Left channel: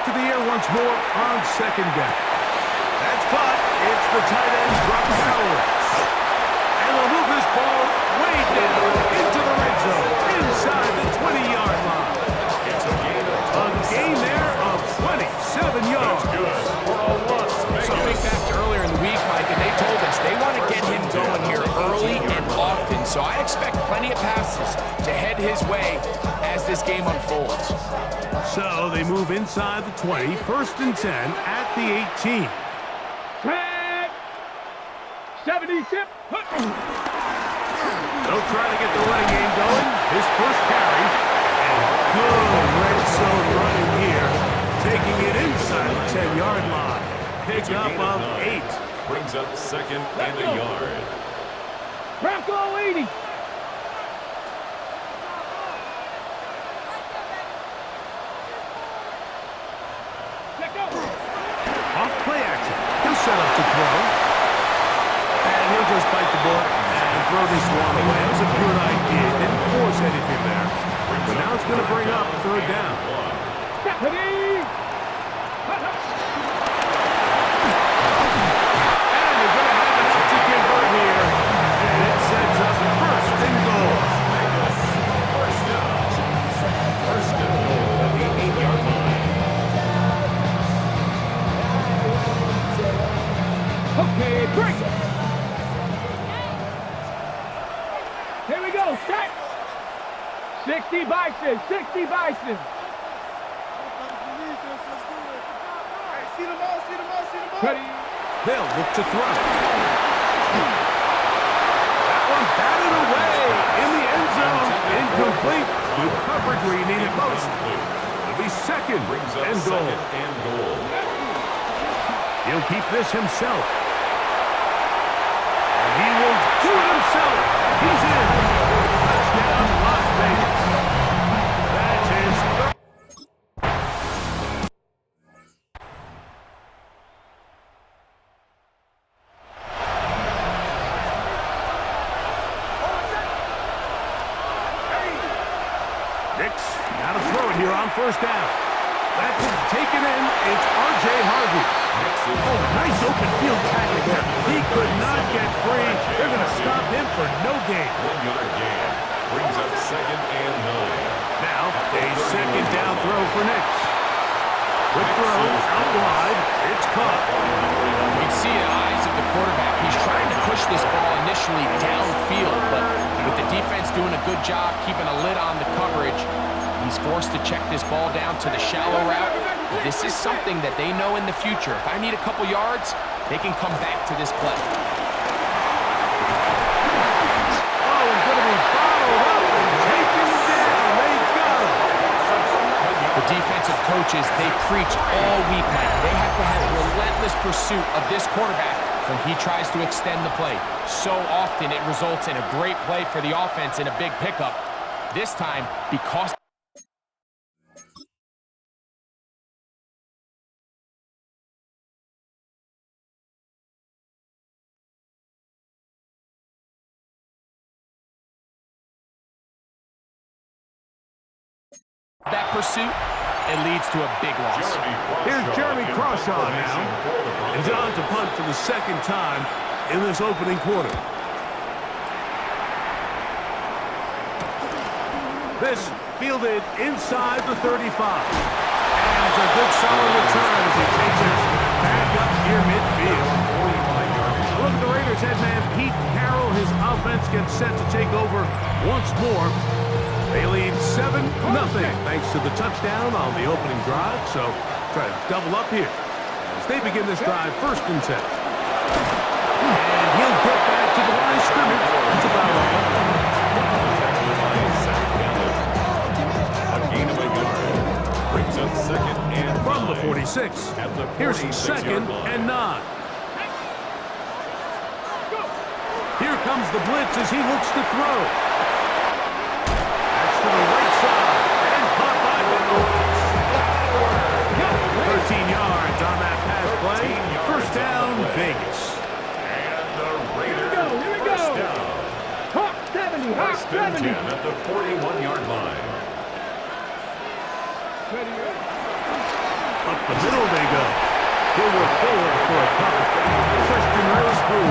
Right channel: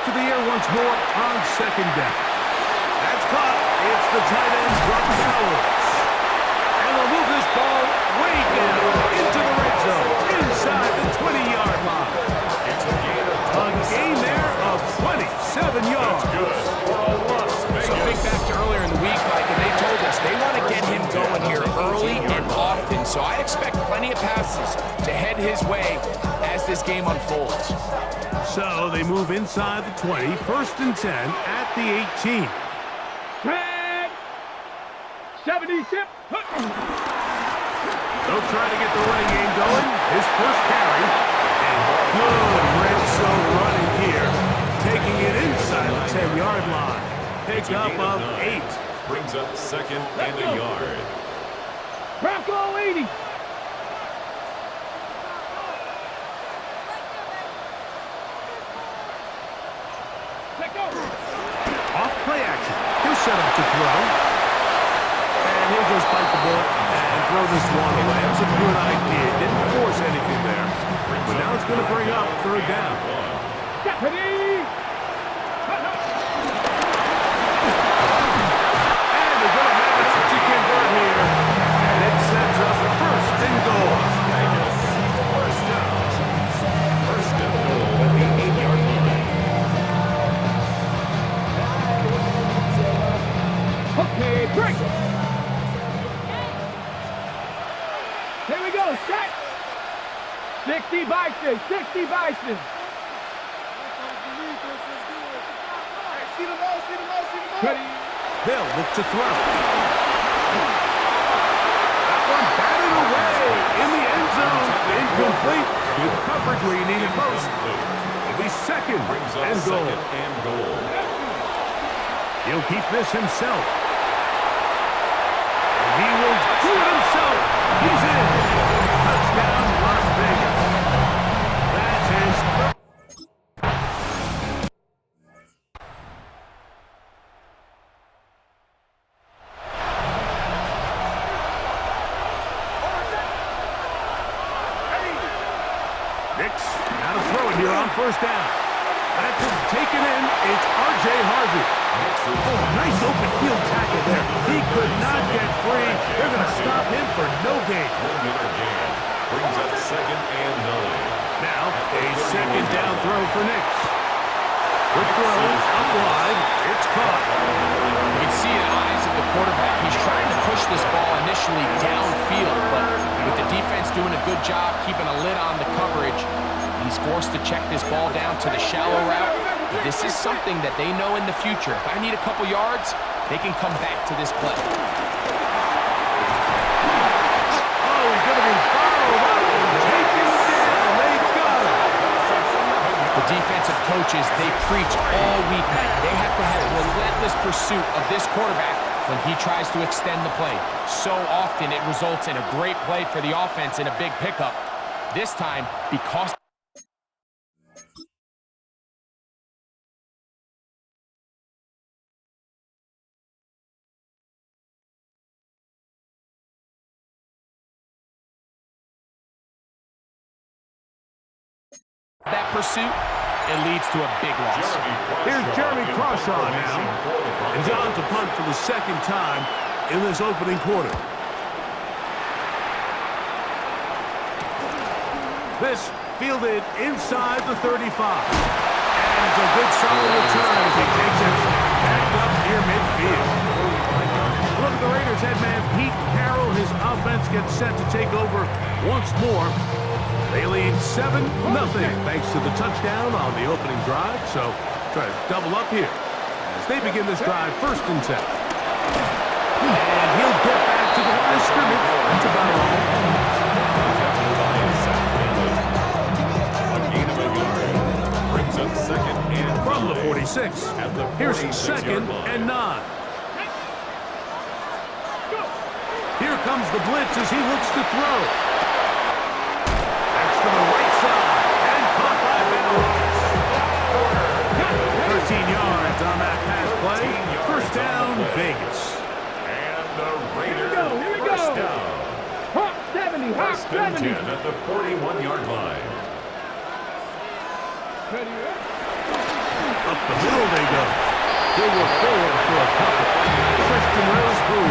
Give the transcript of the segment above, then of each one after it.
back to the air once more on second down. That's caught. It's the tight end, Brock Bowers. And they'll move this ball way down into the red zone, inside the 20-yard line. It's a gain there of 27 yards. That's good for a Las Vegas. So think back to earlier in the week, Mike, and they told us they want to get him going here early and often. So I expect plenty of passes to head his way as this game unfolds. So they move inside the 20, 1st and 10 at the 18. 70 tip. They'll try to get the running game going. His first carry. And good red zone running here. Taking it inside the 10-yard line. Pick up of 8. Brings up 2nd and a yard. Bronco 80. Off play action. He'll set up to throw. And he'll just bite the bullet and throw this one away. That was a good idea. Didn't force anything there. But now it's going to bring up 3rd down. Deputy! And they're going to have enough to convert here. And it sets up 1st and goal. Vegas, first down. 1st and goal at the 8-yard line. Okay, break. Here we go, set. 60 Bison, 60 Bison. See them all. Ready. They'll look to throw. That one batted away in the end zone. Incomplete. Good coverage where you need it most. It'll be 2nd Brings up and goal. 2nd and goal. He'll keep this himself. And he will do it himself. He's in. Touchdown, Las Vegas. That's his third. Nix, now to throw it here on 1st down. That's taken in. It's R.J. Harvey. Oh, nice open field tackle there. He could not get free. They're going to stop him for no gain. 1-yard gain. Brings up 2nd and 9. Now, a 2nd down throw for Nix. Quick throw, out wide. It's caught. You can see in the eyes of the quarterback, he's trying to push this ball initially downfield, but with the defense doing a good job keeping a lid on the coverage, he's forced to check this ball down to the shallow route. This is something that they know in the future. If I need a couple yards, they can come back to this play. Oh, he's going to be bottled up and taken down. They got him. The defensive coaches, they preach all week, Mike. They have to have relentless pursuit of this quarterback when he tries to extend the play. So often it results in a great play for the offense and a big pickup. This time, because that pursuit, it leads to a big loss. Here's Jeremy Crawshaw now. And on to punt for the 2nd time in this opening quarter. This fielded inside the 35. And it's a good solid return as he takes it back up near midfield. Look at the Raiders head man Pete Carroll. His offense gets set to take over once more. They lead 7-0 thanks to the touchdown on the opening drive. So try to double up here as they begin this drive 1st and 10. And he'll get back to the line of scrimmage. That's about all. Tackled by Zach Gallup. A gain of a yard. Brings up 2nd and 9. From the 46. At the Here's 46-yard 2nd line. and 9. Here comes the blitz as he looks to throw. To the right side, and caught by Bowers. 13 yards on that pass play. 1st down, Vegas. And the Raiders Here we go. first down. Hawk 70, Hawk 1st and 70. 10 at the 41-yard line. Ready, ready. Up the middle they go. He'll work forward for a couple. Christian Witherspoon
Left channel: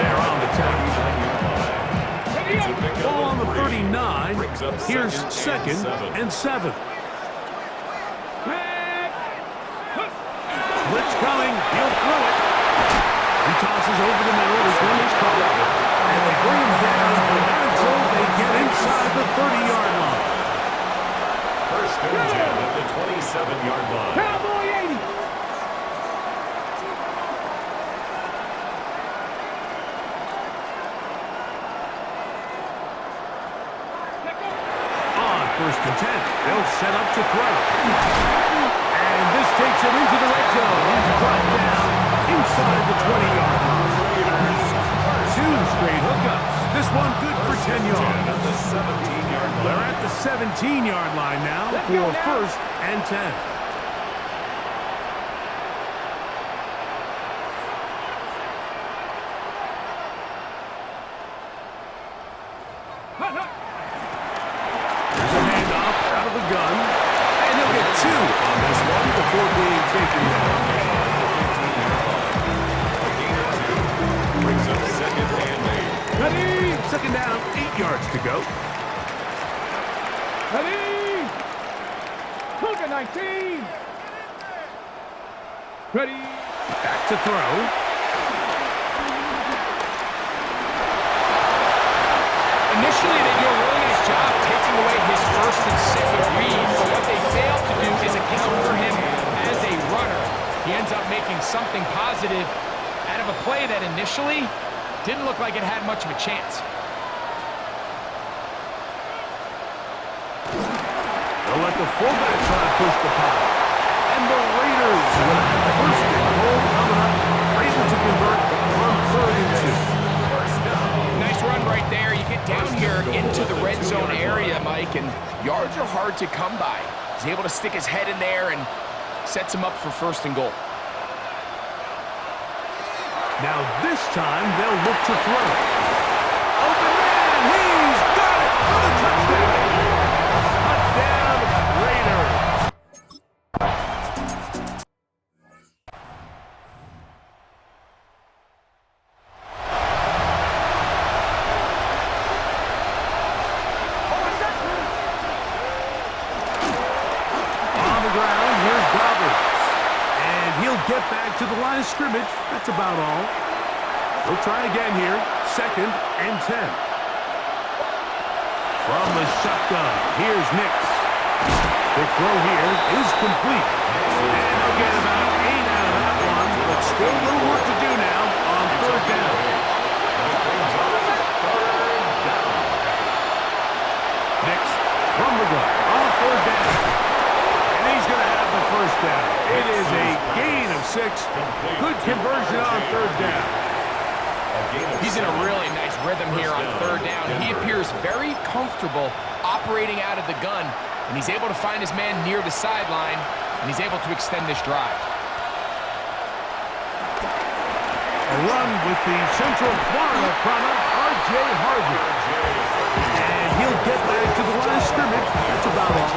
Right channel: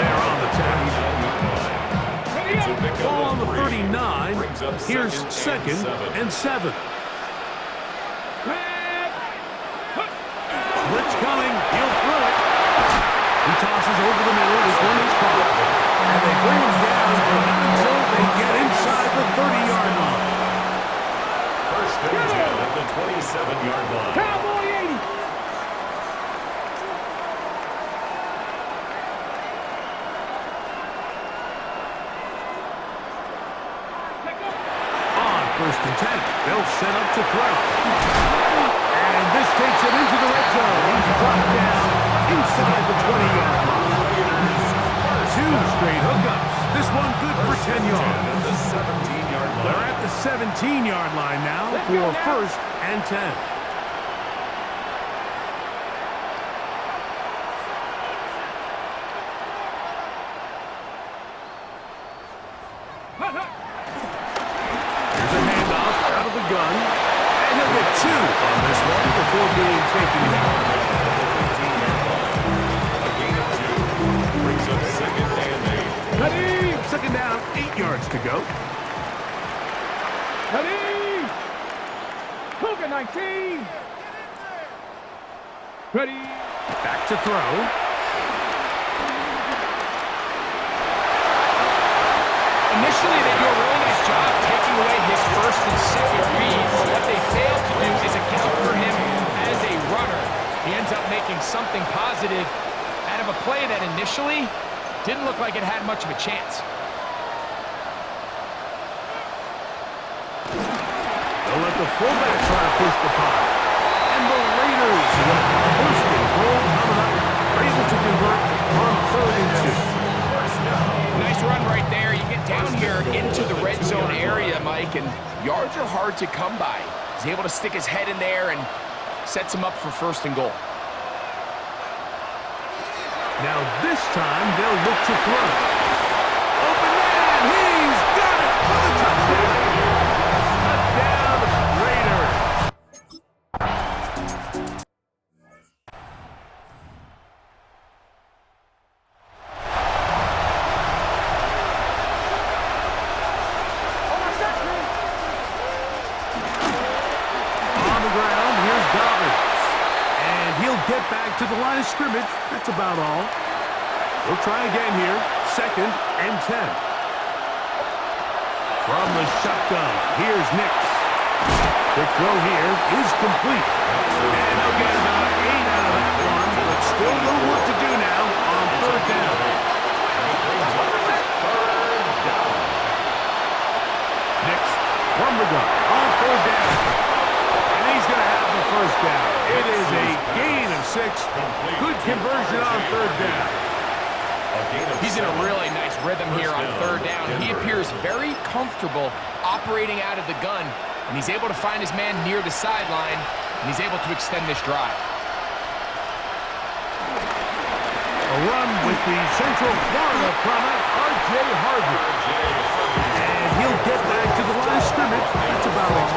there on the tackle. Ball on the 39. Here's second and 7. Blitz coming. He'll throw it. He tosses over the middle. This one is caught. And they bring him down, but not until they get inside the 30-yard line. First and 10 at the 27-yard line. Cowboy 80. On first and 10, they'll set up to throw. And this takes him into the red zone. He's brought down inside the 20-yard line. 2 straight hookups. This one good for 10 yards. At the 17-yard line. They're at the 17-yard line now for first and 10. Here's a handoff out of the gun. And he'll get 2 on this one before being taken down. At the 15-yard line. A gain of 2 brings up second and 8. Ready. Second down, 8 yards to go. Ready. Cougar 19. Ready. Back to throw. Initially, they do a really nice job taking away his first and second reads, but what they fail to do is account for him as a runner. He ends up making something positive out of a play that initially didn't look like it had much of a chance. They'll let the fullback try to push the pot. And the Raiders are going to have first and goal coming up. They're able to convert on 3rd and 2. Nice run right there. You get down here into the red zone area, Mike, and yards are hard to come by. He's able to stick his head in there and sets him up for first and goal. Now this time they'll look to throw. Open man, he's got it for the touchdown. Touchdown, Raiders. On the ground, here's Dobbins. And he'll get back to the line of scrimmage. That's about all. They'll try again here. Second and 10. From the shotgun, here's Nix. Quick throw here is complete. And they'll get about 8 out of that one, but still a little work to do now on 3rd down. Nix from the gun on 3rd down. And he's going to have the first down. It is a gain of 6. Good conversion on 3rd down. He's in a really nice rhythm here on 3rd down. He appears very comfortable operating out of the gun, and he's able to find his man near the sideline, and he's able to extend this drive. A run with the Central Florida product, R.J. Harvey. And he'll get back to the line of scrimmage. That's about all.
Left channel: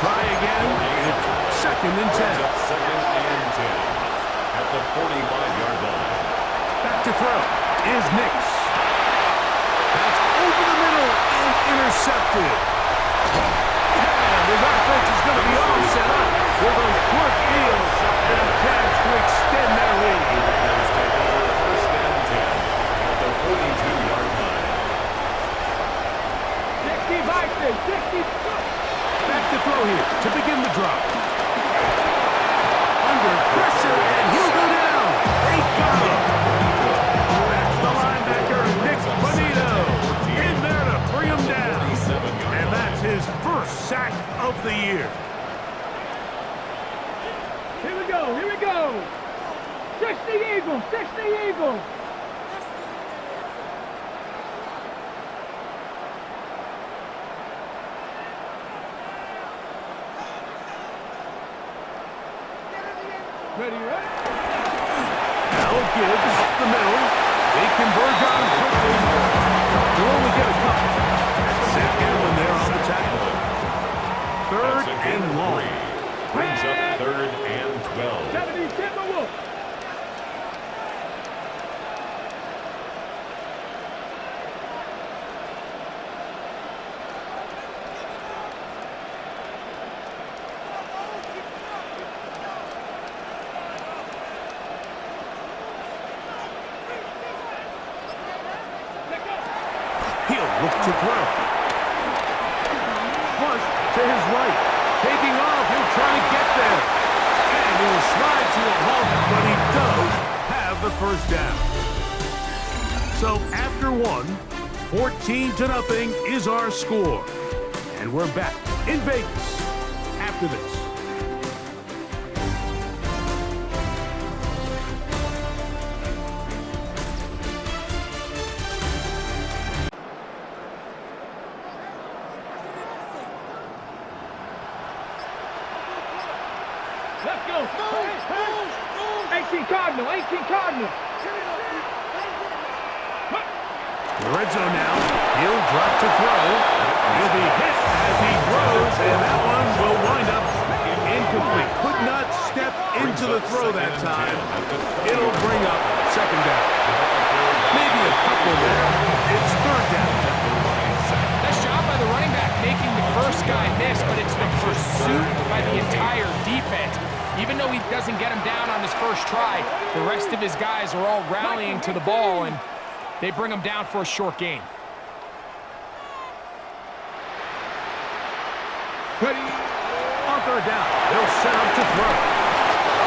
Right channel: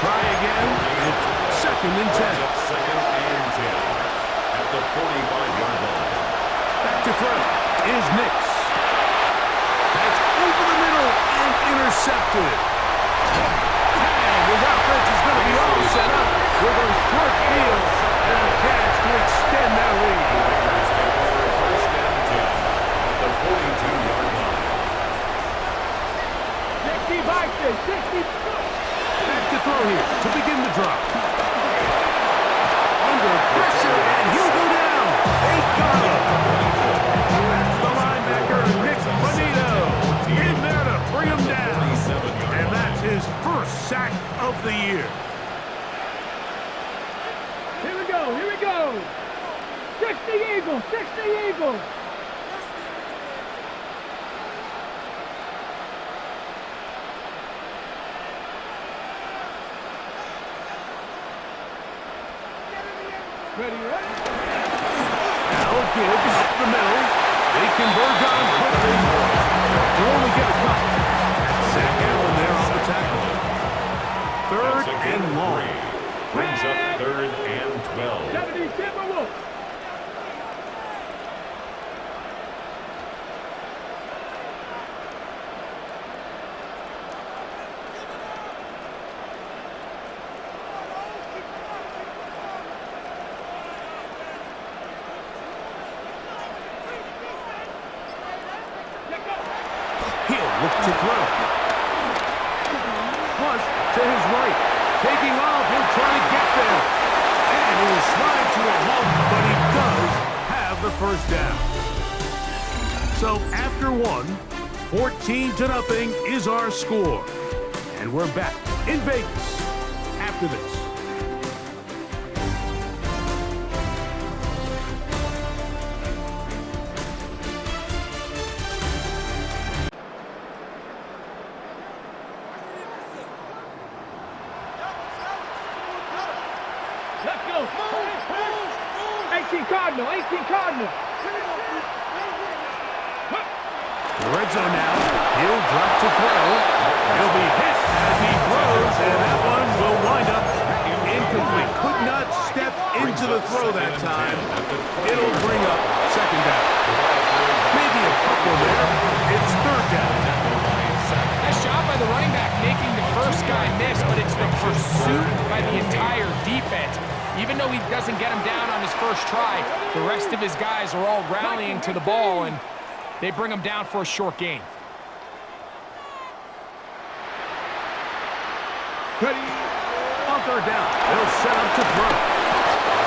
Try again. It's second and 10. Second and 10 at the 45-yard line. Back to throw is Nix. That's over the middle and intercepted. And his offense is going to be all set up with a short field and a chance to extend their lead. The Raiders take over first and 10 at the 42-yard line. 60 Bison, 60. Back to throw here to begin the drop. Under pressure, and he'll go down. They got him. That's the linebacker, Nick Bonito, in there to bring him down. And that's his first sack of the year. Here we go, here we go. 60 Eagles, 60 Eagles. Ready, ready? Now it gives up the middle. They converge on quickly. They'll only get a couple. That's Zach Allen there on the tackle. 3rd and long. Brings up 3rd and 12. 70 Timberwolves. He'll look to throw. Flush to his right. Taking off, he'll try to get there. And he will slide to a halt, but he does have the first down. So after one, 14-0 is our score. And we're back in Vegas after this. Let's go. 18 Cardinal, 18 Cardinal. The red zone now. He'll drop to throw. He'll be hit as he throws, and that one will wind up incomplete. Could not step into the throw that time. It'll bring up second down. Maybe a couple there. It's third down. Nice job by the running back making the first guy miss, but it's the pursuit by the entire defense. Even though he doesn't get him down on his first try, the rest of his guys are all rallying to the ball, and they bring him down for a short gain. Ready. On third down, they'll set up to throw.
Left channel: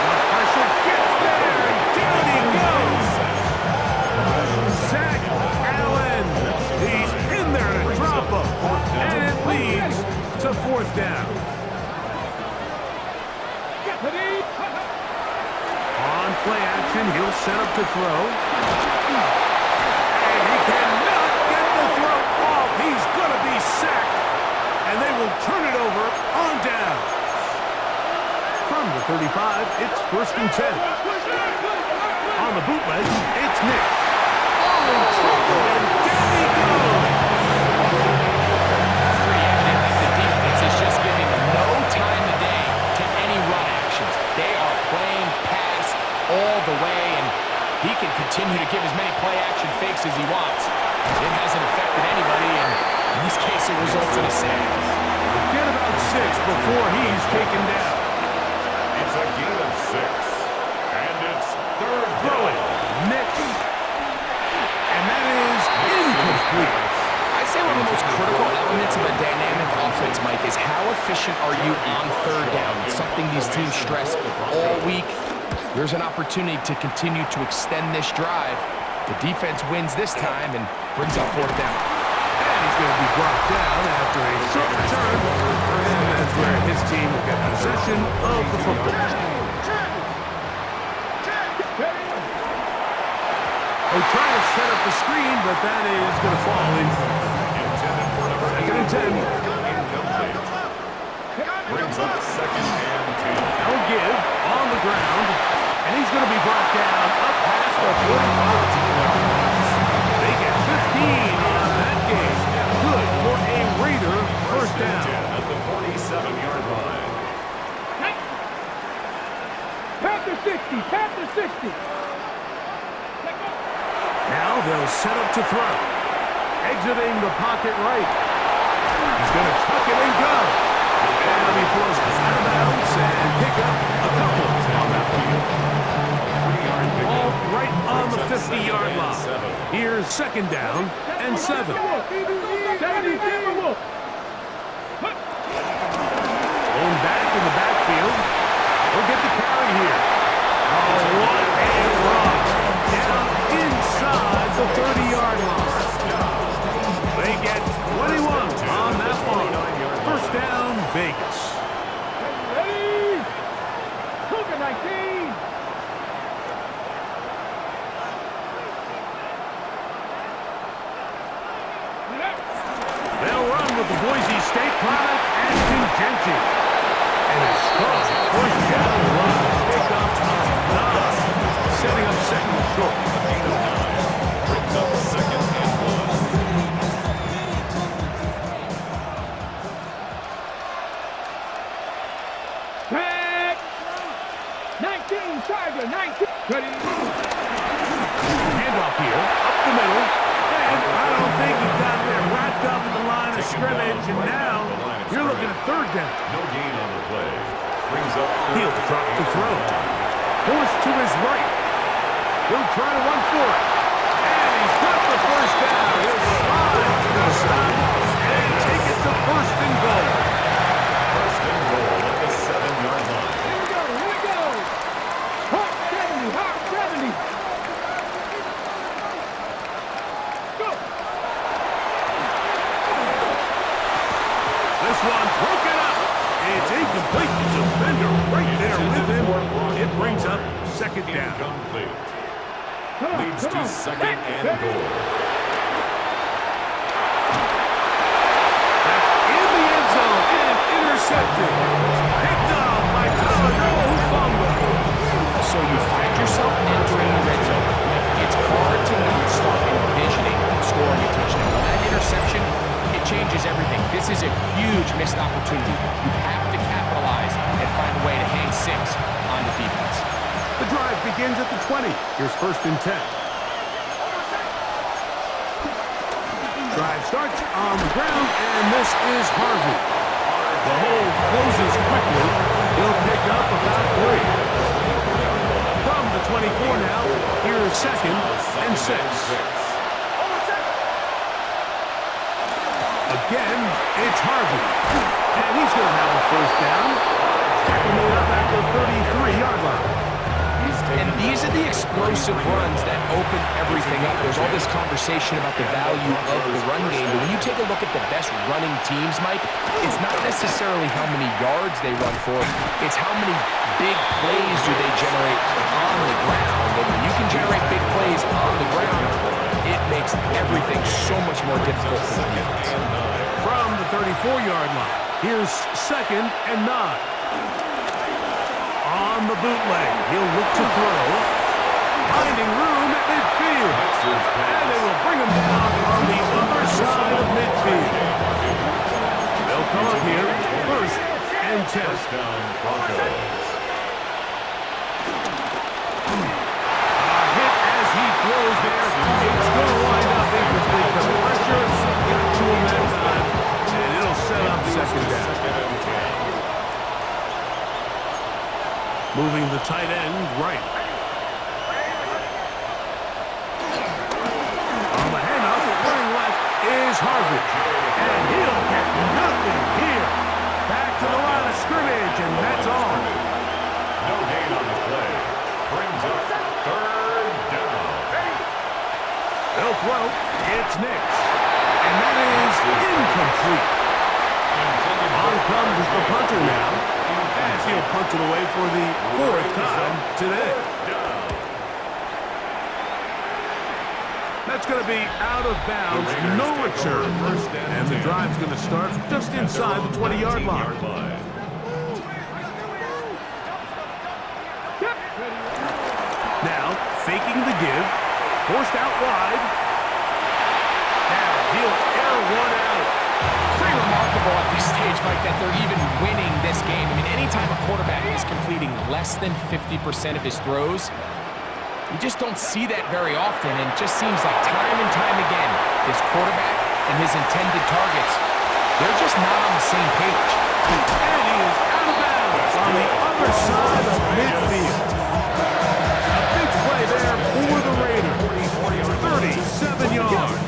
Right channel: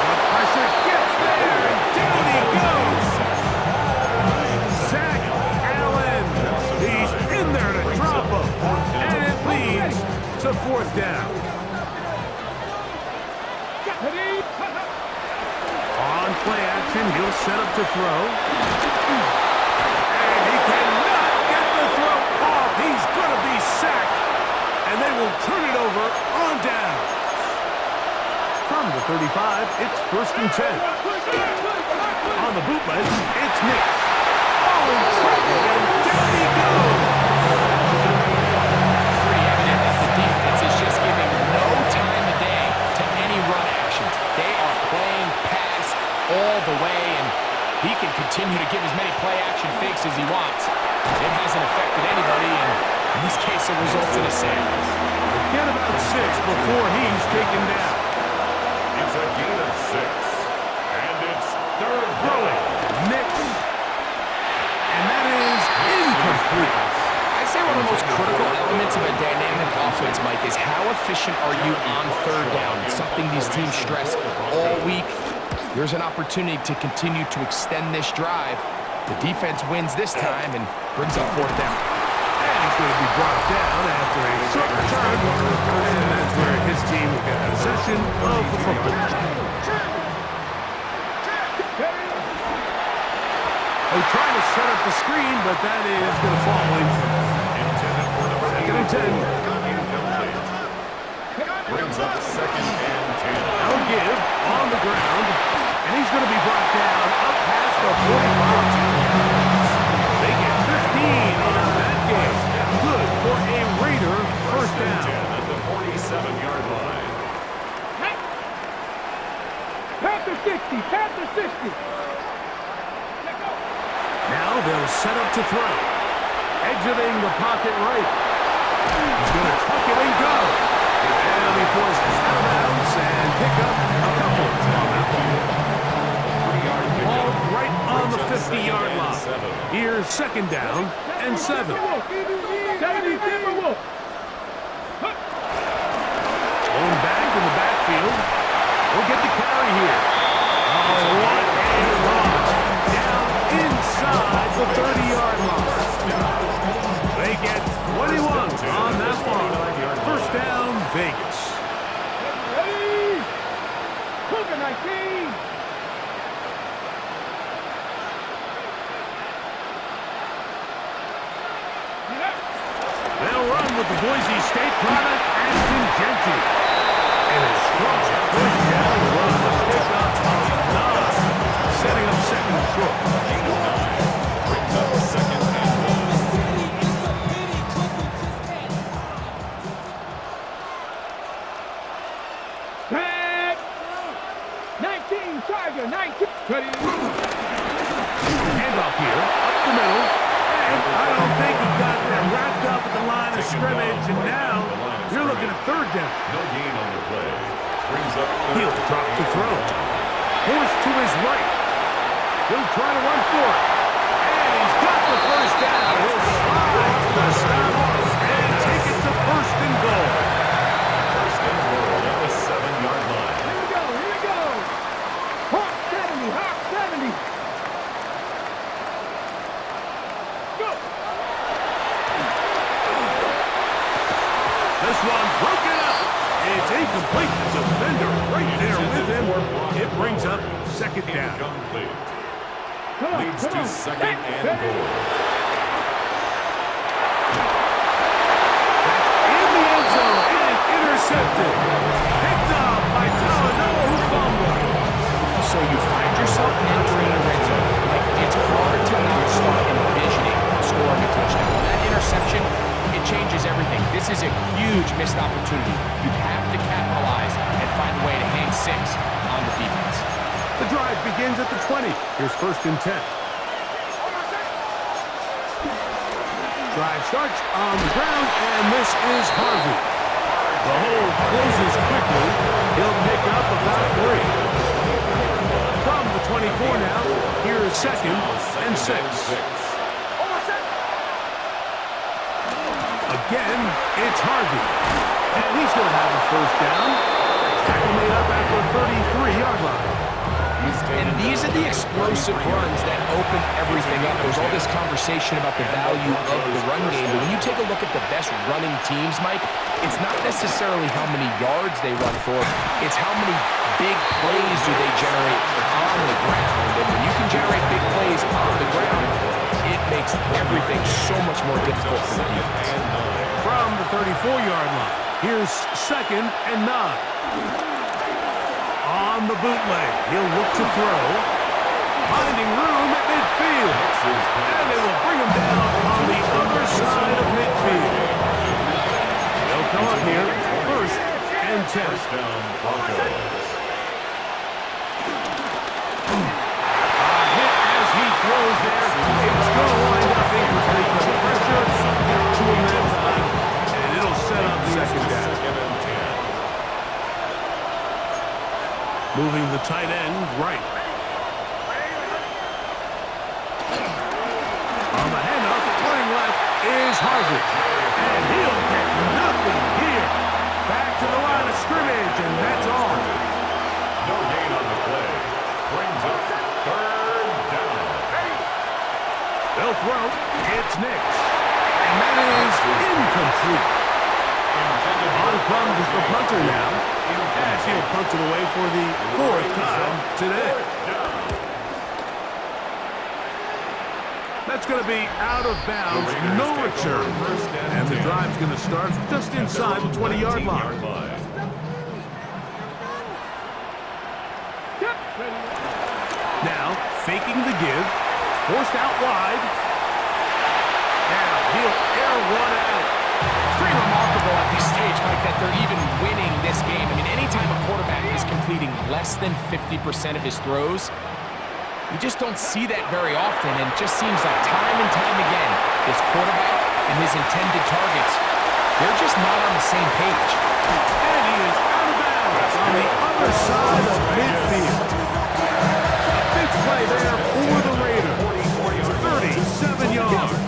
The pressure gets there, and down he goes. Zach Allen. He's in there to drop him, and it leads to fourth down. Ready. On play action, he'll set up to throw. And he cannot get the throw off. He's going to be sacked. And they will turn it over on down. From the 35, it's 1st and 10. On the bootleg, it's Nix. Oh, in trouble, and down he goes. It's pretty evident that the defense is just giving no time of day to any run actions. They are playing pass all the way, and he can continue to give as many play-action fakes as he wants. It hasn't affected anybody, and in this case, it results in a sack. Get about 6 before he's taken down. It's a gain of 6. And it's third Throwing, down. Nix. And that is incomplete. I'd say one of the most critical elements of a dynamic offense, Mike, is how efficient are you on third down? It's something these teams stress all week. There's an opportunity to continue to extend this drive. The defense wins this time and brings up fourth down. And he's going to be brought down after a short return. And that's where his team will get possession of the football. Oh, trying to set up the screen, but that is going to fall incomplete. Intended for number 2nd and 10. Incomplete. Brings up 2nd and 10. Now give on the ground. And he's going to be brought down up past the 45. They get 15 on that game. Good for a Raider first down. At the 47-yard line. Panther 60, Panther 60. Now they'll set up to throw. Exiting the pocket right. He's going to tuck it and go. And he'll be forced out of bounds and pick up a couple on that ball. Ball right on the 50-yard line. Here's 2nd down and 7. 70 Timberwolves. Going back in the backfield. He'll get the carry here. Oh, what a run. Down inside the 30-yard line. They get 21 on that one. First down, Vegas. Ready. Cougar 19. They'll run with the Boise State product, Ashton Genty. And a strong first down run with pickup of 9. Setting up 2nd and short. A gain of 9. Brings up 2nd and 1. Back. 19, Tiger, 19. Ready? Handoff here, up the middle. And I don't think he got there wrapped up at the line of scrimmage. And now you're looking at third down. No gain on the play. Brings up He'll drop to throw. Forced to his right. He'll try to run for it. And he's got the first down. He'll slide to the stop and take it to first and goal. First and goal at the 7-yard line. Here we go, here we go. Hawk 70, Hawk 70. Go. This one broken up. It's incomplete. The defender right there with him. It brings up second down. Incomplete. Come on, Leads come to on. second and Ready? goal. That's in the end zone and intercepted. Picked up by Talanoa, who fumbled. So you find yourself entering the red zone. Like, it's hard to not start envisioning scoring a touchdown. Well, that interception, it changes everything. This is a huge missed opportunity. You have to capitalize and find a way to hang 6 on the defense. The drive begins at the 20. Here's first and 10. Drive starts on the ground, and this is Harvey. The hole closes quickly. He'll pick up about 3. From the 24 now, here's second and 6. Again, it's Harvey. And he's going to have a first down. Tackle made up at the 33-yard line. And these are the explosive runs that open everything up. There's all this conversation about the value of the run game, but when you take a look at the best running teams, Mike, it's not necessarily how many yards they run for, it's how many big plays do they generate on the ground. And when you can generate big plays on the ground, it makes everything so much more difficult for the defense. From the 34-yard line, here's second and 9. On the bootleg, he'll look to throw. Finding room at midfield. And they will bring him down on the other side of midfield. They'll come up here, first and 10. First down, Broncos. A hit as he throws there. It's going to wind up incomplete. The pressure got to him that time, and it'll set up second down. Second and 10. Moving the tight end right. On the handoff, running left is Harvey. And he'll get nothing here. Back to the line of scrimmage, and that's all. No gain on the play. Brings up third down. They'll throw. It's Nix. And that is incomplete. On comes the punter now. As he'll punt it away for the 4th time today. That's going to be out of bounds, no return. And the drive's going to start just inside the 20-yard line. Now, faking the give, forced out wide. Now, he'll air one out. It's pretty remarkable at this stage, Mike, that they're even winning this game. I mean, anytime a quarterback is completing less than 50% of his throws, you just don't see that very often, and it just seems like time and time again, this quarterback and his intended targets, they're just not on the same page. And he is out of bounds on the other side of midfield. A big play there for the Raiders. 37 yards.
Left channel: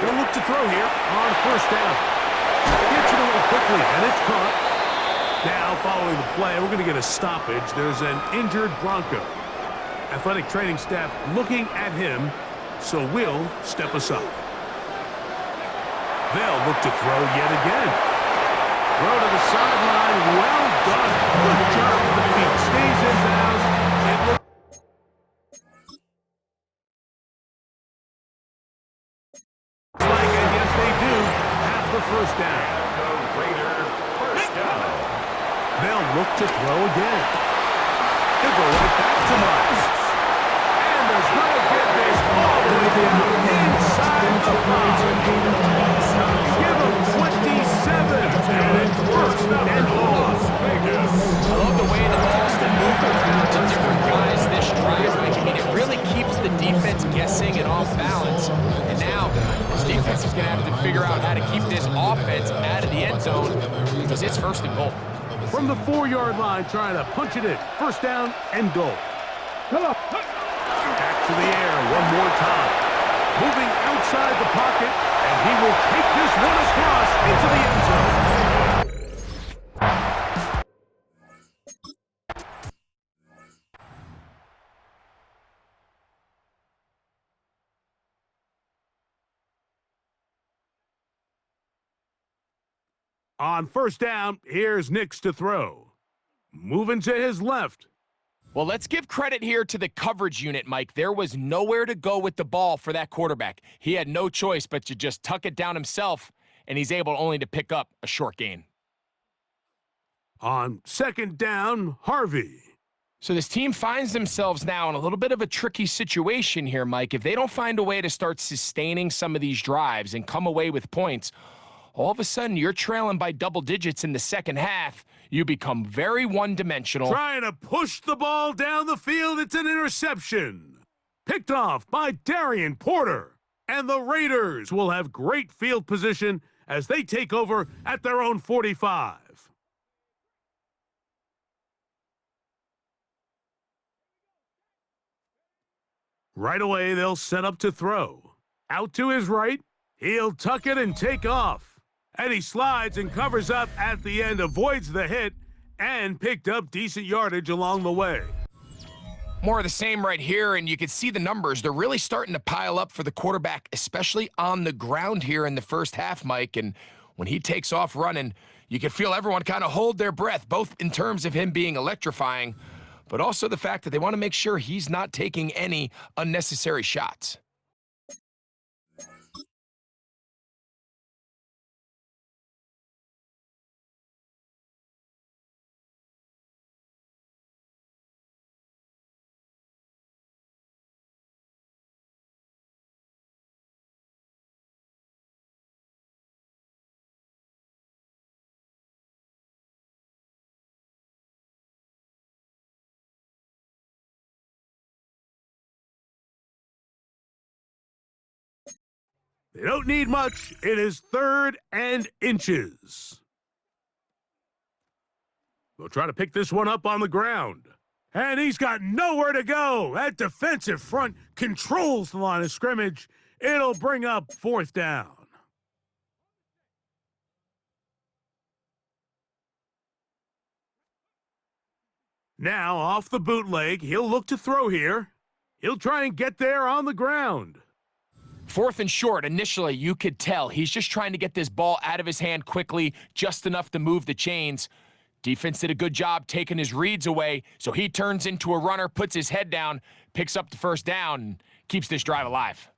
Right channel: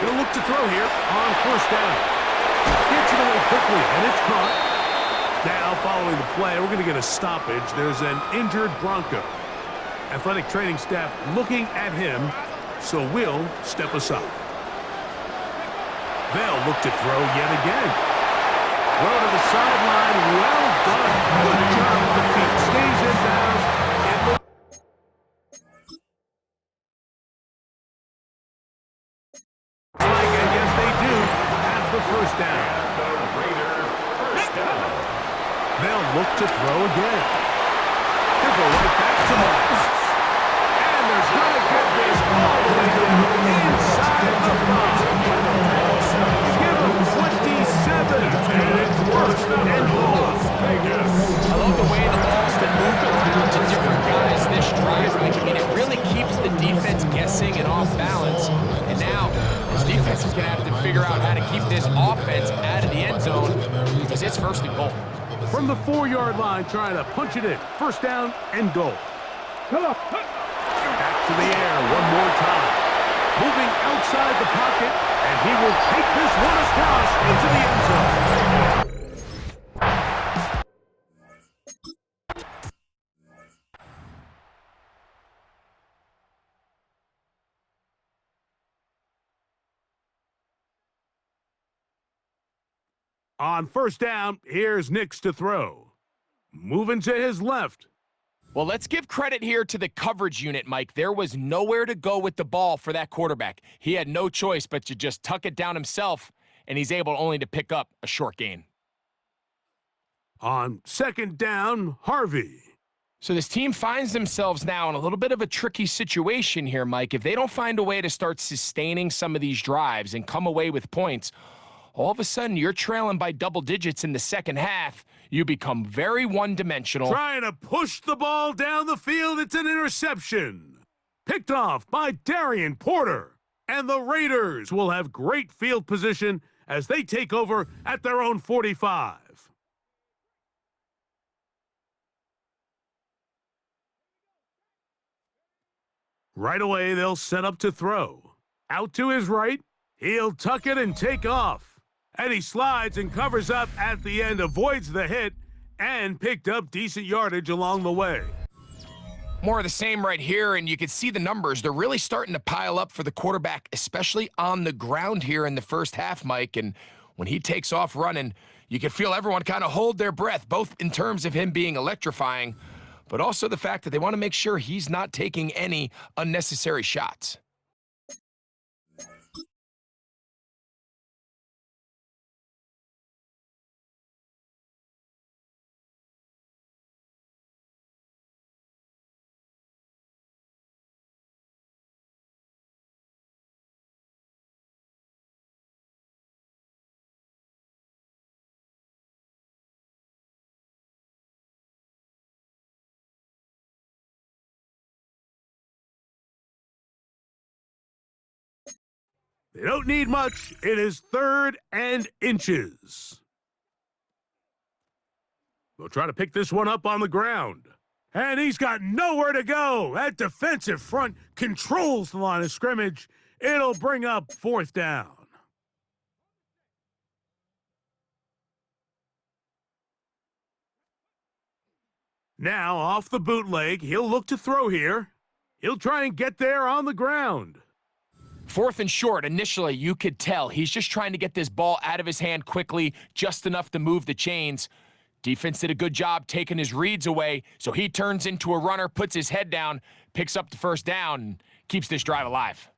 He'll look to throw here on first down. Gets it away quickly, and it's caught. Now, following the play, we're going to get a stoppage. There's an injured Bronco. Athletic training staff looking at him, so we'll step aside. They'll look to throw yet again. Throw to the sideline. Well done. Good job with the feet. Stays in bounds. It looks like, and yes, they do have the first down. And the Raider first down. They'll look to throw again. He'll go right back to Miles. And they're going to get this all the way down inside the 5. Give him 27, and it's first and goal. I love the way the ball's been moving around to different guys this drive, Mike. I mean, it really keeps the defense guessing and off balance. And now, this defense is going to have to figure out how to keep this offense out of the end zone because it's first and goal. From the 4-yard line, trying to punch it in. First down and goal. Come on. Back to the air one more time. Moving outside the pocket, and he will take this one across into the end zone. On first down, here's Nix to throw. Moving to his left. Well, let's give credit here to the coverage unit, Mike. There was nowhere to go with the ball for that quarterback. He had no choice but to just tuck it down himself, and he's able only to pick up a short gain. On second down, Harvey. So this team finds themselves now in a little bit of a tricky situation here, Mike. If they don't find a way to start sustaining some of these drives and come away with points, all of a sudden you're trailing by double digits in the second half. You become very one-dimensional. Trying to push the ball down the field. It's an interception. Picked off by Darian Porter. And the Raiders will have great field position as they take over at their own 45. Right away, they'll set up to throw. Out to his right. He'll tuck it and take off. And he slides and covers up at the end, avoids the hit, and picked up decent yardage along the way. More of the same right here, and you can see the numbers. They're really starting to pile up for the quarterback, especially on the ground here in the first half, Mike. And when he takes off running, you can feel everyone kind of hold their breath, both in terms of him being electrifying, but also the fact that they want to make sure he's not taking any unnecessary shots. They don't need much. It is 3rd and inches. They'll try to pick this one up on the ground. And he's got nowhere to go. That defensive front controls the line of scrimmage. It'll bring up 4th down. Now, off the bootleg, he'll look to throw here. He'll try and get there on the ground. 4th and short, initially, you could tell he's just trying to get this ball out of his hand quickly, just enough to move the chains. Defense did a good job taking his reads away, so he turns into a runner, puts his head down, picks up the first down, and keeps this drive alive.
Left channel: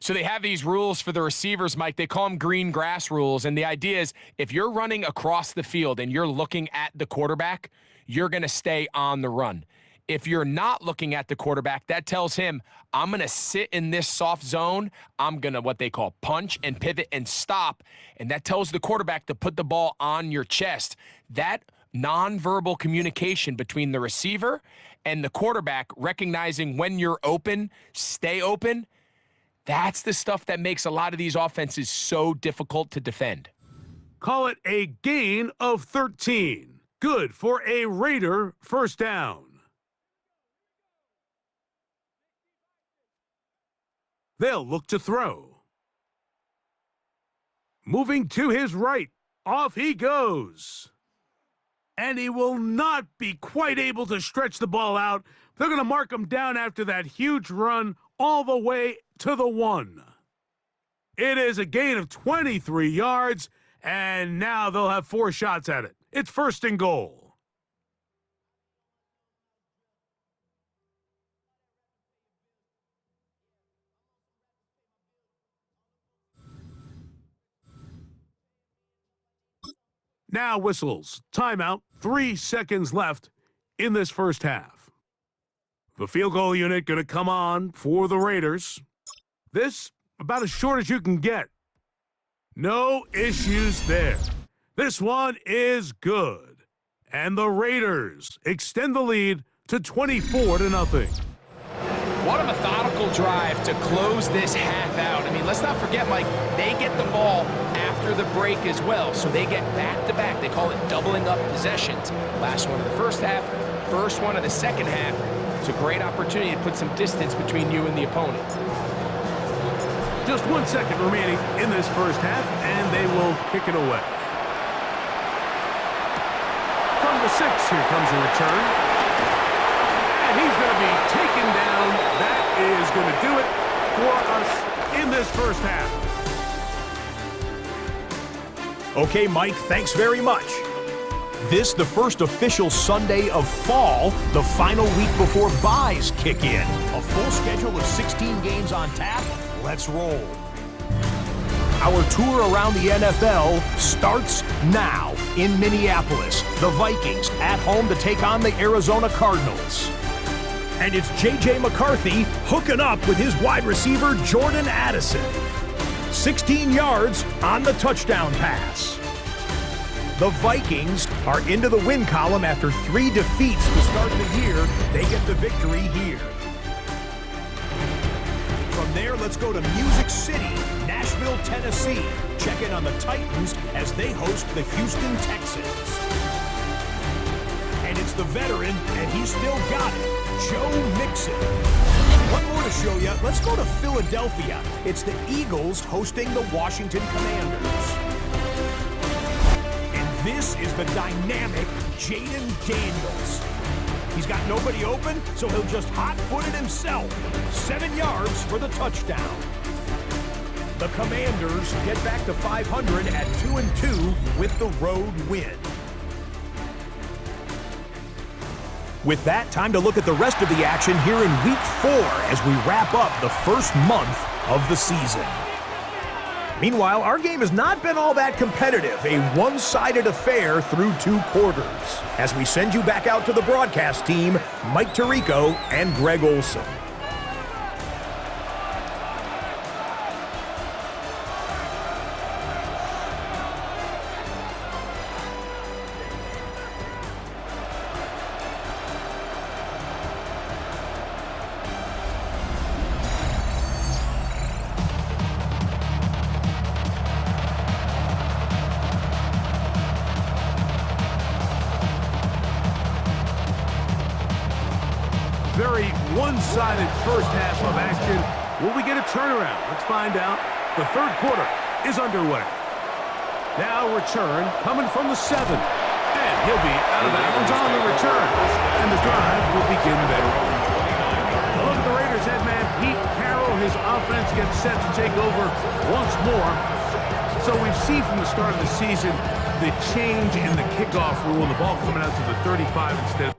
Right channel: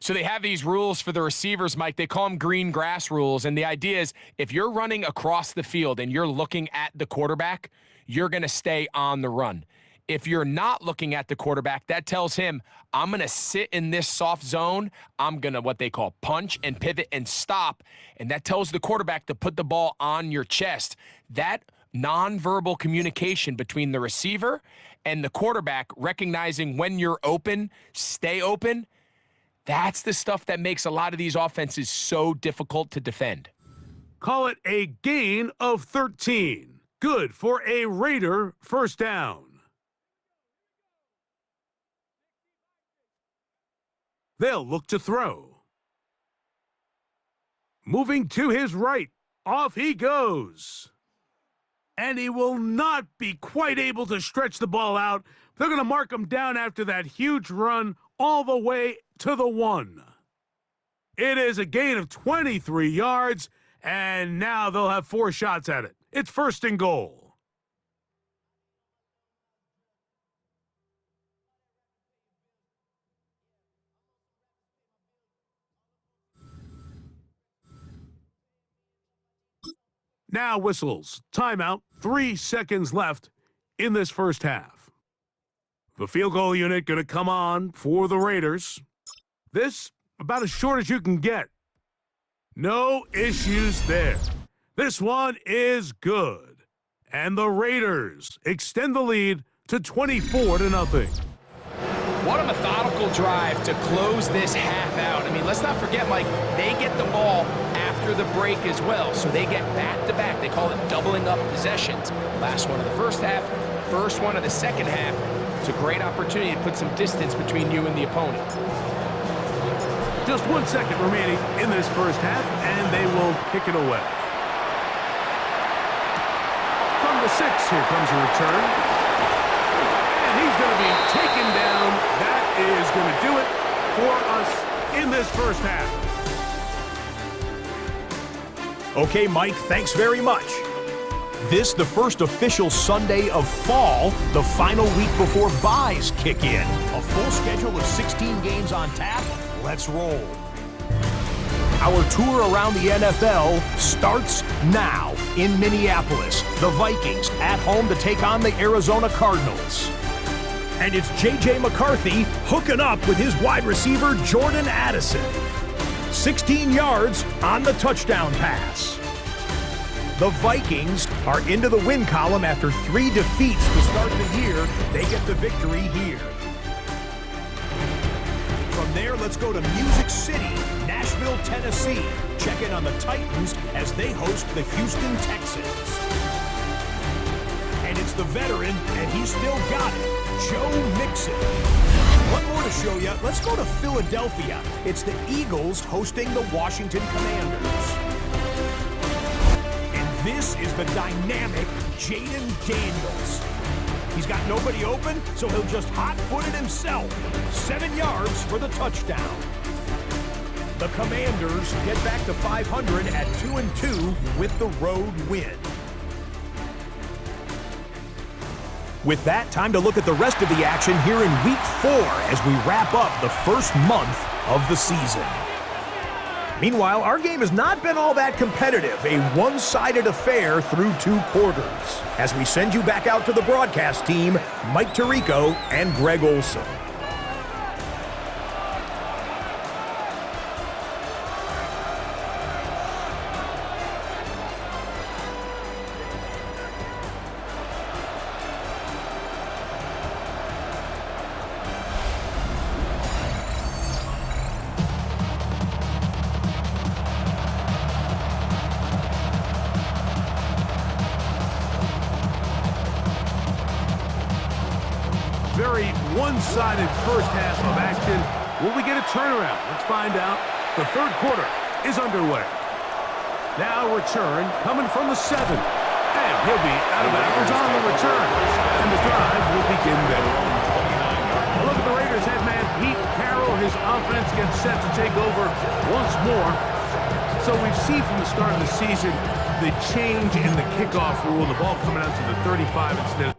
So they have these rules for the receivers, Mike. They call them green grass rules, and the idea is if you're running across the field and you're looking at the quarterback, you're going to stay on the run. If you're not looking at the quarterback, that tells him, I'm going to sit in this soft zone. I'm going to what they call punch and pivot and stop. And that tells the quarterback to put the ball on your chest. That nonverbal communication between the receiver and the quarterback, recognizing when you're open, stay open, that's the stuff that makes a lot of these offenses so difficult to defend. Call it a gain of 13. Good for a Raider first down. They'll look to throw. Moving to his right. Off he goes. And he will not be quite able to stretch the ball out. They're going to mark him down after that huge run all the way to the 1. It is a gain of 23 yards, and now they'll have 4 shots at it. It's 1st and goal. Now whistles. Timeout. 3 seconds left in this first half. The field goal unit going to come on for the Raiders. This about as short as you can get. No issues there. This one is good. And the Raiders extend the lead to 24-0. What a methodical drive to close this half out. I mean, let's not forget, Mike, they get the ball after the break as well, so they get back-to-back. They call it doubling up possessions. Last one of the first half, first one of the second half. It's a great opportunity to put some distance between you and the opponent. Just 1 second remaining in this first half, and they will kick it away. From the 6, here comes a return. And he's going to be taken down. That is going to do it for us in this first half. Okay, Mike, thanks very much. This, the first official Sunday of fall, the final week before byes kick in. A full schedule of 16 games on tap. Let's roll. Our tour around the NFL starts now in Minneapolis. The Vikings at home to take on the Arizona Cardinals. And it's J.J. McCarthy hooking up with his wide receiver, Jordan Addison. 16 yards on the touchdown pass. The Vikings are into the win column after 3 defeats to start the year. They get the victory here. From there, let's go to Music City, Nashville, Tennessee. Check in on the Titans as they host the Houston Texans. And it's the veteran, and he's still got it, Joe Mixon. One more to show you. Let's go to Philadelphia. It's the Eagles hosting the Washington Commanders. And this is the dynamic Jaden Daniels. He's got nobody open, so he'll just hot-foot it himself. 7 yards for the touchdown. The Commanders get back to 500 at 2-2 with the road win. With that, time to look at the rest of the action here in Week 4 as we wrap up the first month of the season. Meanwhile, our game has not been all that competitive, a one-sided affair through 2 quarters. As we send you back out to the broadcast team, Mike Tirico and Greg Olson. Very one-sided first half of action. Will we get a turnaround? Let's find out. The third quarter is underway. Now return coming from the 7. And he'll be out of bounds on the return. And the drive will begin there. A look at the Raiders head man, Pete Carroll. His offense gets set to take over once more. So we've seen from the start of the season the change in the kickoff rule. The ball coming out to the 35 instead of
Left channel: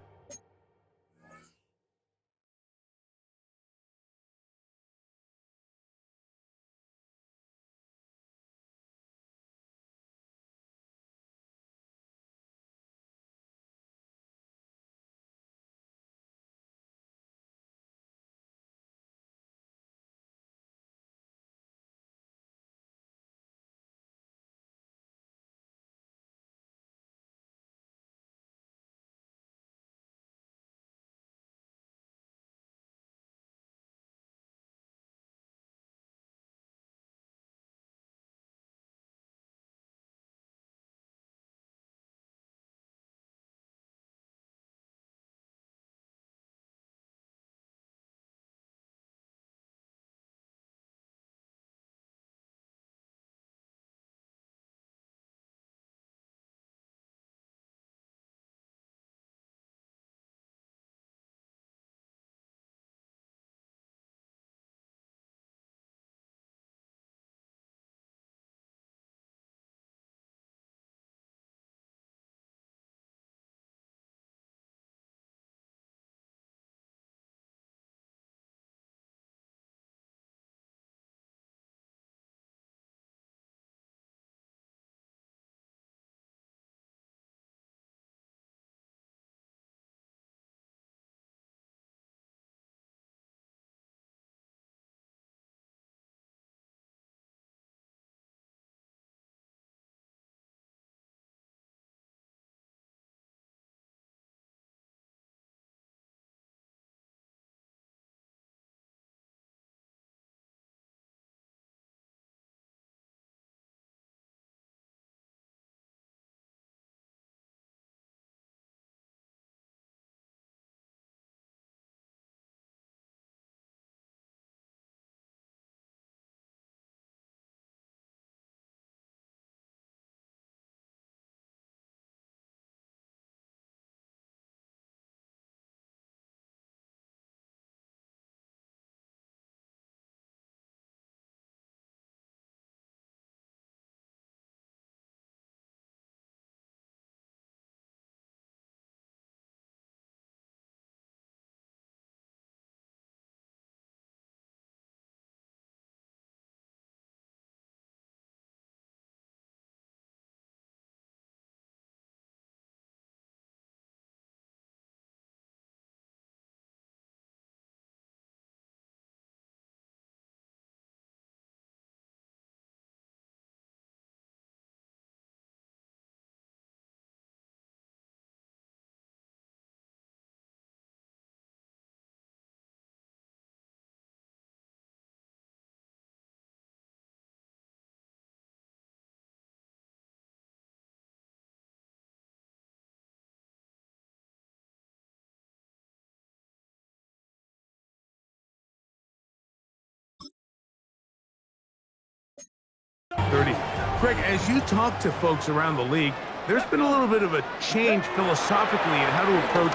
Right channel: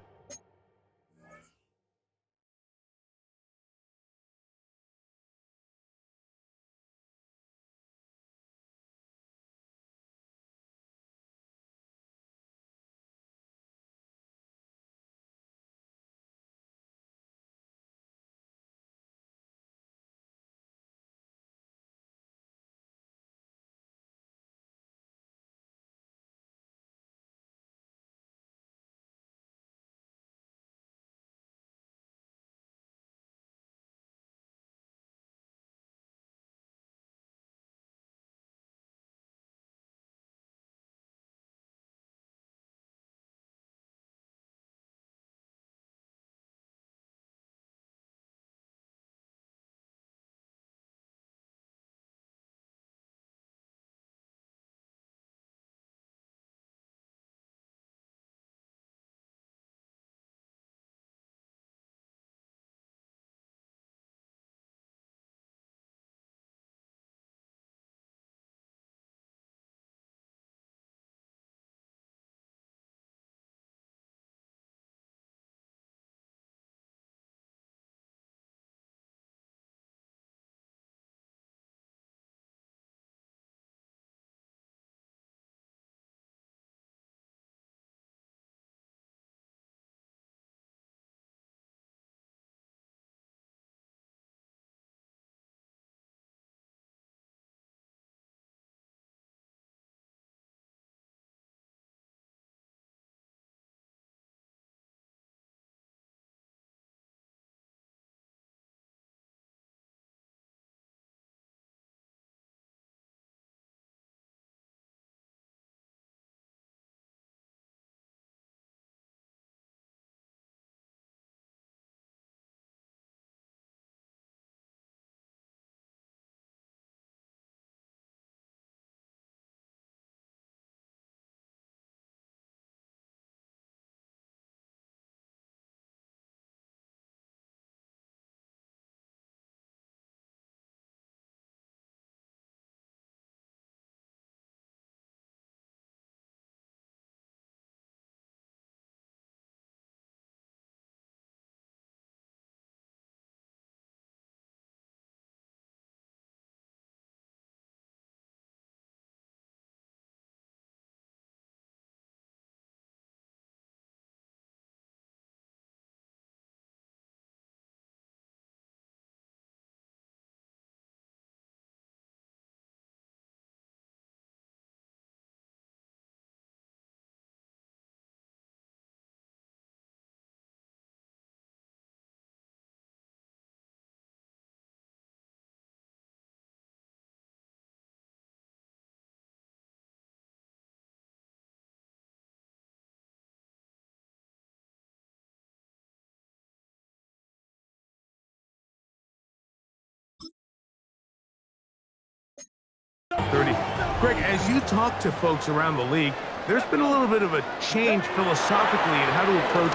30. Greg, as you talk to folks around the league, there's been a little bit of a change philosophically in how to approach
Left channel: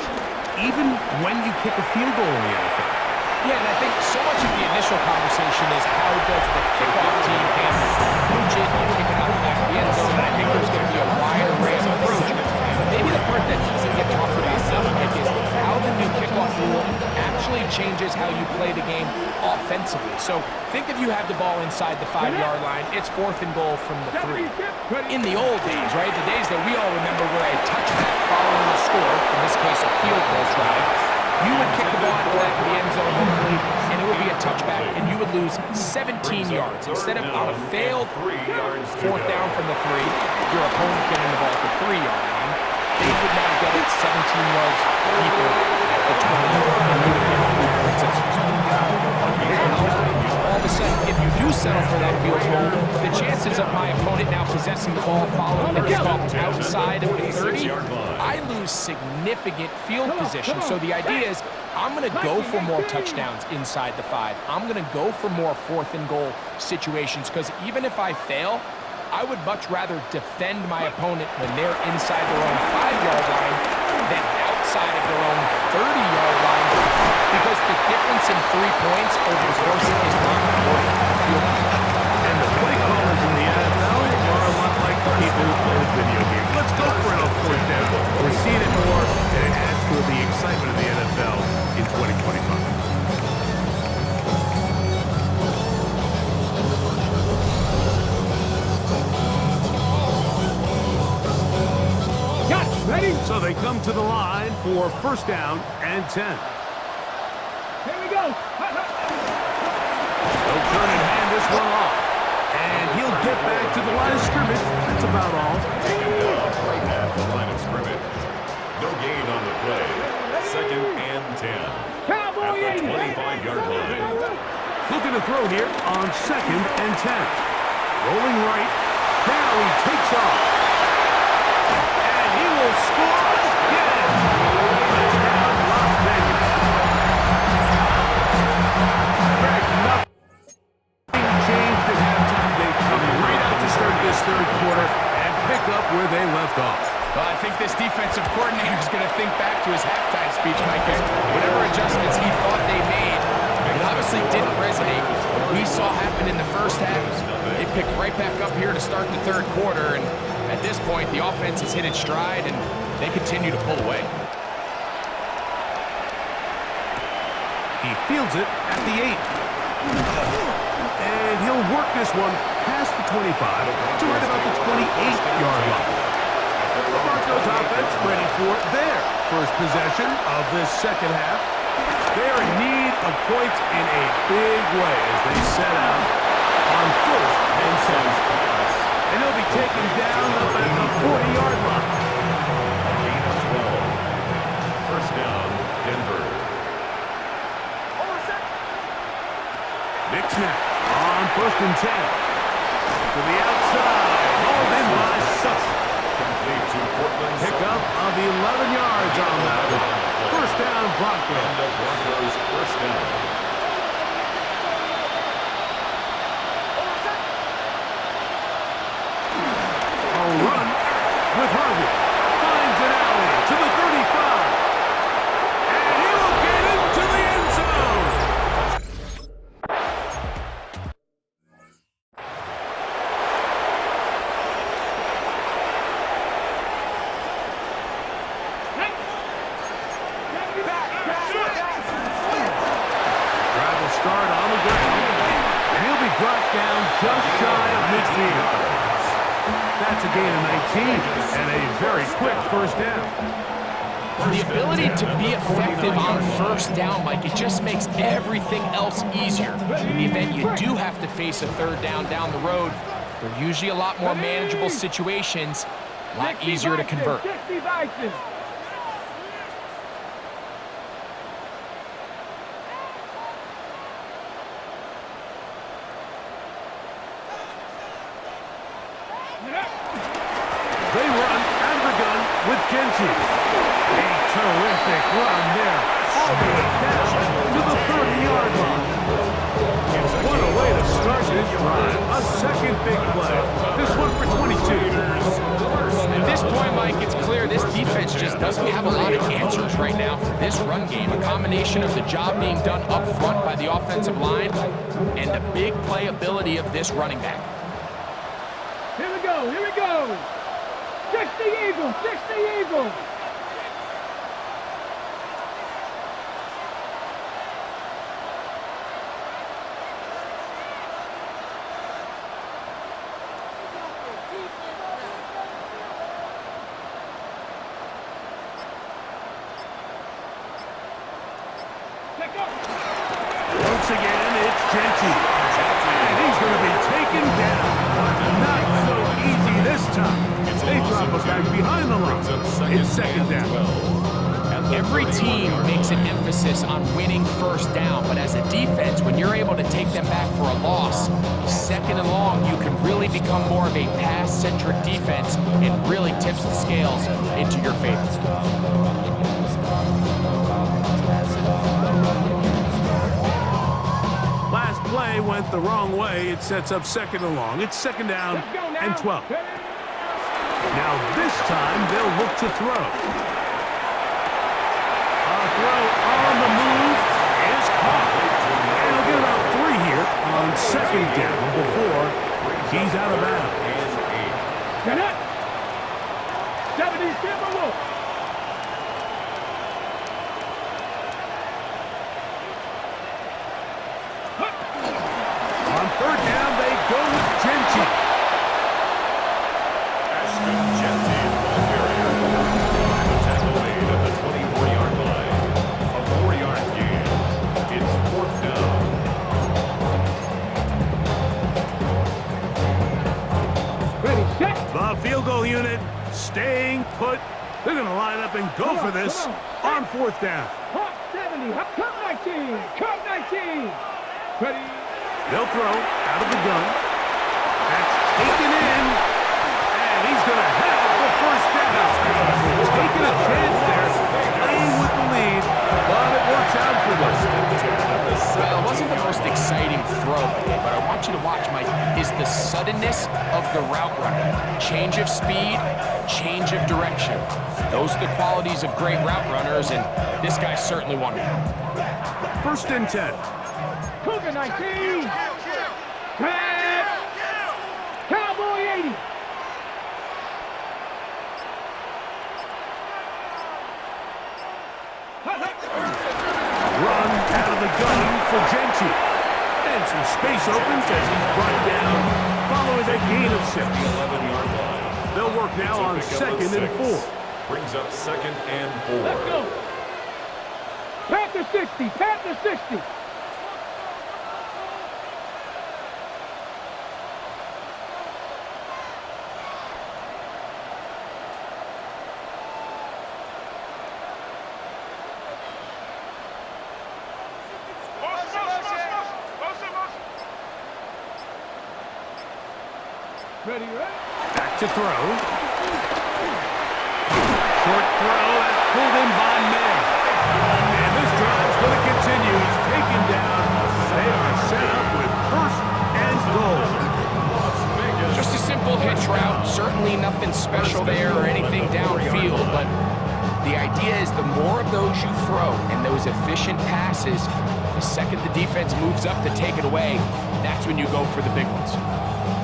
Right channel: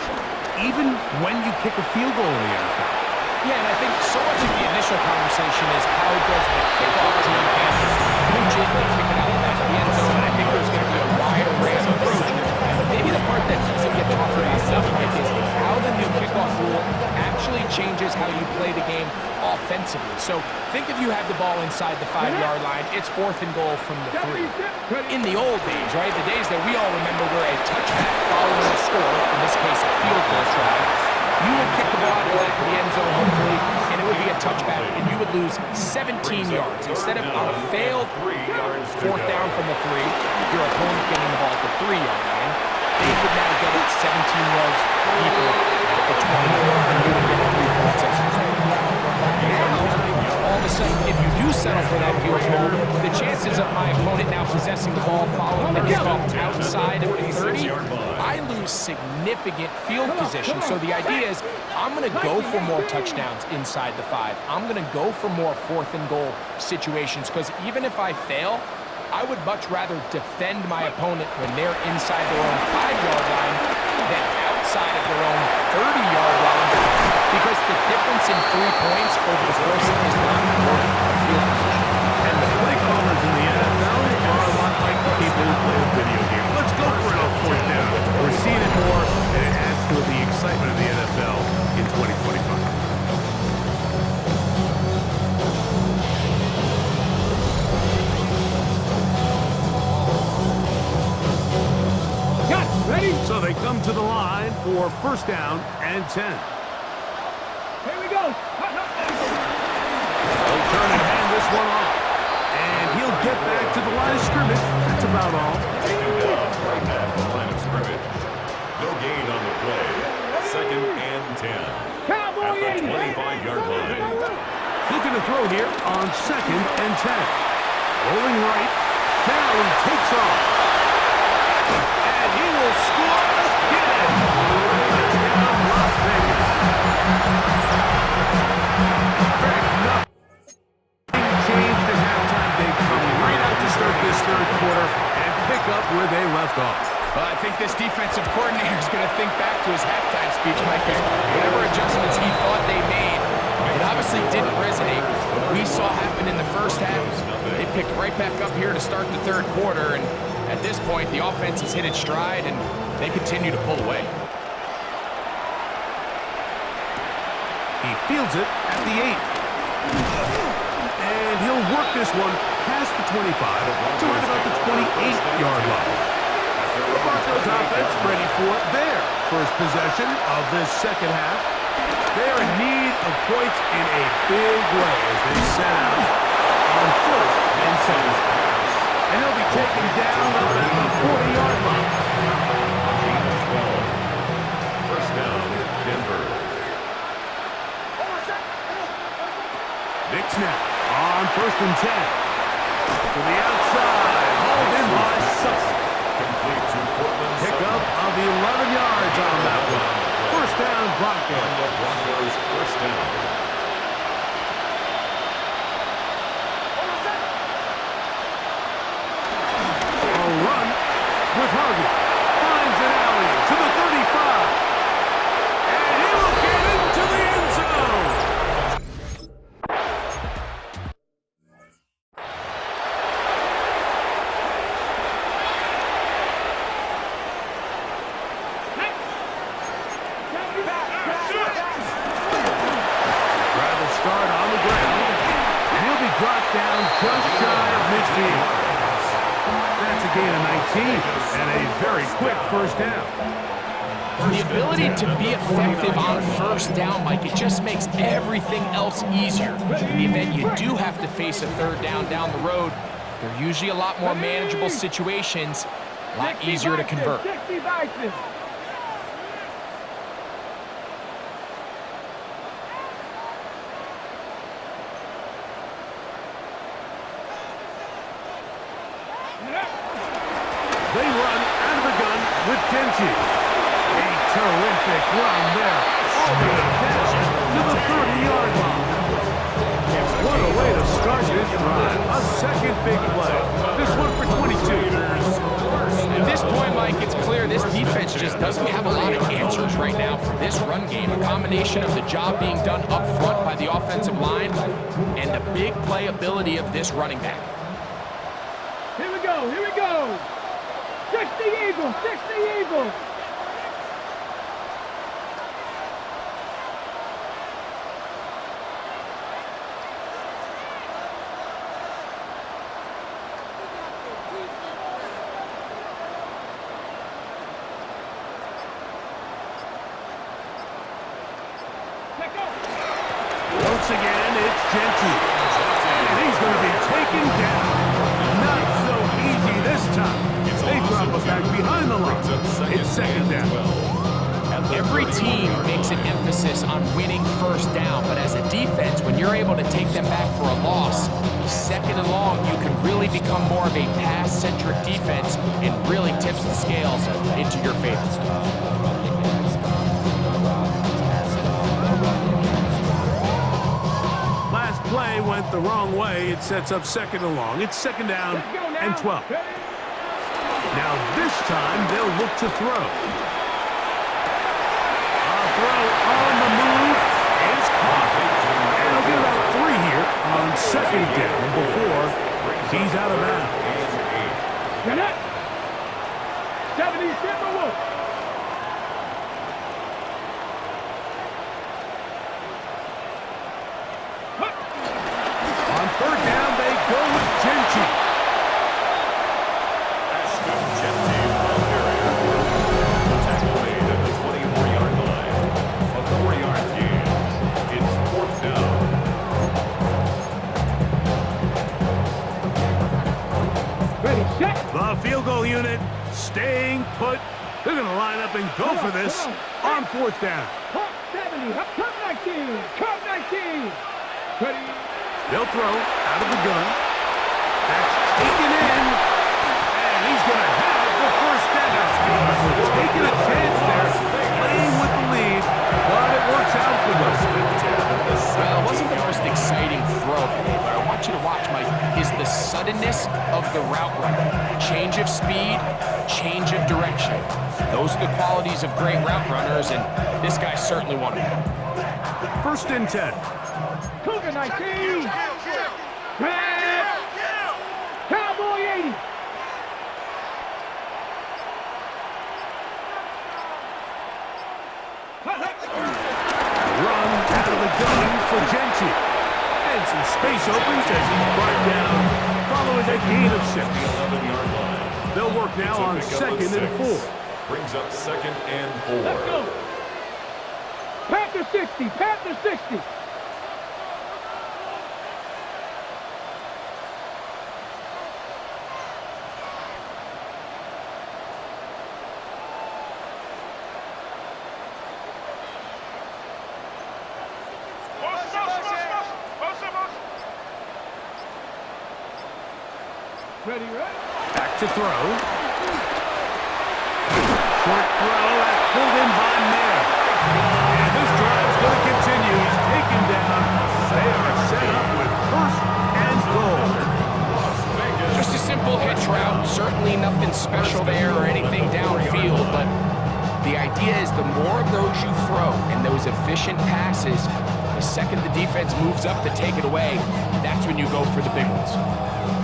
even when you kick a field goal in the NFL. Yeah, and I think so much of the initial conversation is how does the kickoff team handle it? You coach it, you kick it out the back of the end zone, and I think there's going to be a wide array of approach. But maybe the part that doesn't get talked about enough, Mike, is how the new kickoff rule actually changes how you play the game offensively. So think if you have the ball inside the 5-yard line, it's 4th and goal from the 3. In the old days, right, the days that we all remember where a touchback following a score, in this case a field goal try, you would kick the ball out the back of the end zone, hopefully, and it would be a touchback, and you would lose 17 yards. Instead of on a failed 4th down from the 3, your opponent getting the ball at the 3-yard line, they would now get it 17 yards deeper at the 20, and you would get 3 points as a result. Now, all of a sudden, if you do settle for that field goal, the chances of my opponent now possessing the ball following the kickoff outside of the 30, I lose significant field position. So the idea is I'm going to go for more touchdowns inside the 5. I'm going to go for more 4th and goal situations, because even if I fail, I would much rather defend my opponent when they're inside their own 5-yard line than outside of their own 30-yard line, because the difference in 3 points over the course is not worth the field position. And the play callers in the NFL are a lot like the people who play the video game. Let's go for it on 4th down. We're seeing it more, and it adds to the excitement of the NFL in 2025. Ready? So they come to the line for 1st down and 10. Here we go. They'll turn and hand this one off. And he'll get back to the line of scrimmage. That's about all. Taken down right at the line of scrimmage. No gain on the play. 2nd and 10. Cowboy At the 25-yard line. Looking to throw here on 2nd and 10. Rolling right. Now he takes off. And he will score again. Touchdown, Las Vegas. Greg, nothing changed at halftime. They come right out to start this 3rd quarter and pick up where they left off. Well, I think this defensive coordinator is going to think back to his halftime speech, Mike, because whatever adjustments he thought they made, it obviously didn't resonate. What we saw happen in the 1st half, they picked right back up here to start the 3rd quarter, and at this point, the offense has hit its stride, and they continue to pull away. He fields it at the 8. And he'll work this one past the 25 to right about the 28-yard line. The Broncos offense ready for their first possession of this 2nd half. They are in need of points in a big way as they set out on 1st and 10. And he'll be taken down up at the 40-yard line. A gain of 12. 1st down, Denver. Big snap on 1st and 10. To the outside, hauled in by Sutton. Complete to Portland. Pickup of 11 yards on that one. 1st down, Broncos. And the Broncos 1st down. A run with Harvey. Finds an alley to the 35. And he will get into the end zone. Drive will start on the ground. And he'll be brought down just shy of midfield. That's a gain of 19 and a very quick 1st down. The ability to be effective on 1st down, Mike, it just makes everything else easier. In the event you do have to face a 3rd down the road, they're usually a lot more manageable situations, a lot easier to convert. 60 Vikings. They run out of the gun with Genji. A terrific run there. All the way down to the 30-yard line. What a way to start this drive. A second big play. This one for 22. At this point, Mike, it's clear this defense just doesn't have a lot of answers right now for this run game. A combination of the job being done up front by the offensive line and the big playability of this running back. Here we go, here we go. 60 Eagles, 60 Eagles. Once again, it's Genty. And he's going to be taken down. Not so easy this time. They drop it back behind the line. It's second down. Every team makes an emphasis on winning first down, but as a defense, when you're able to take them back for a loss, second and long, you can really become more of a pass-centric defense and really tips the scales into your favor. Last play went the wrong way. It sets up second and long. It's second down and 12. Now this time they'll look to throw. A throw on the move is caught. And he'll get about 3 here on second down before he's out of bounds. Get it. 70 Timberwolves. On third down, they go with Genty. Genty, the ball carrier. The tackle made at the 24-yard line. A 4-yard gain. It's fourth down. Ready, set. The field goal unit staying put. They're going to line up and go for this on fourth down. Hawk 70. Come 19. Come 19. Ready. They'll throw out of the gun. That's taken in. And he's going to have the first down. Taking a chance there, playing with the lead, but it works out for them. Well, it wasn't the most exciting throw today, but I want you to watch, Mike, is the suddenness of the route runner. Change of speed, change of direction. Those are the qualities of great route runners, and this guy's certainly one of them. First and 10. Cougar 19. Grab. Cowboy 80. Run out of the gun for Genty. And some space opens as he's brought down following a gain of 6. The 11-yard line. They'll work now on second and 4. Brings up second and 4. Let's go. Panther 60. Panther 60. Ready, ready. Back to throw. Short throw, that's pulled in by Mayer. And this drive's going to continue. He's taken down. They are set up with first and goal. Just a simple hitch route, certainly nothing special there or anything downfield, but the idea is the more of those you throw and those efficient passes, the second the defense moves up to take it away, that's when you go for the big ones.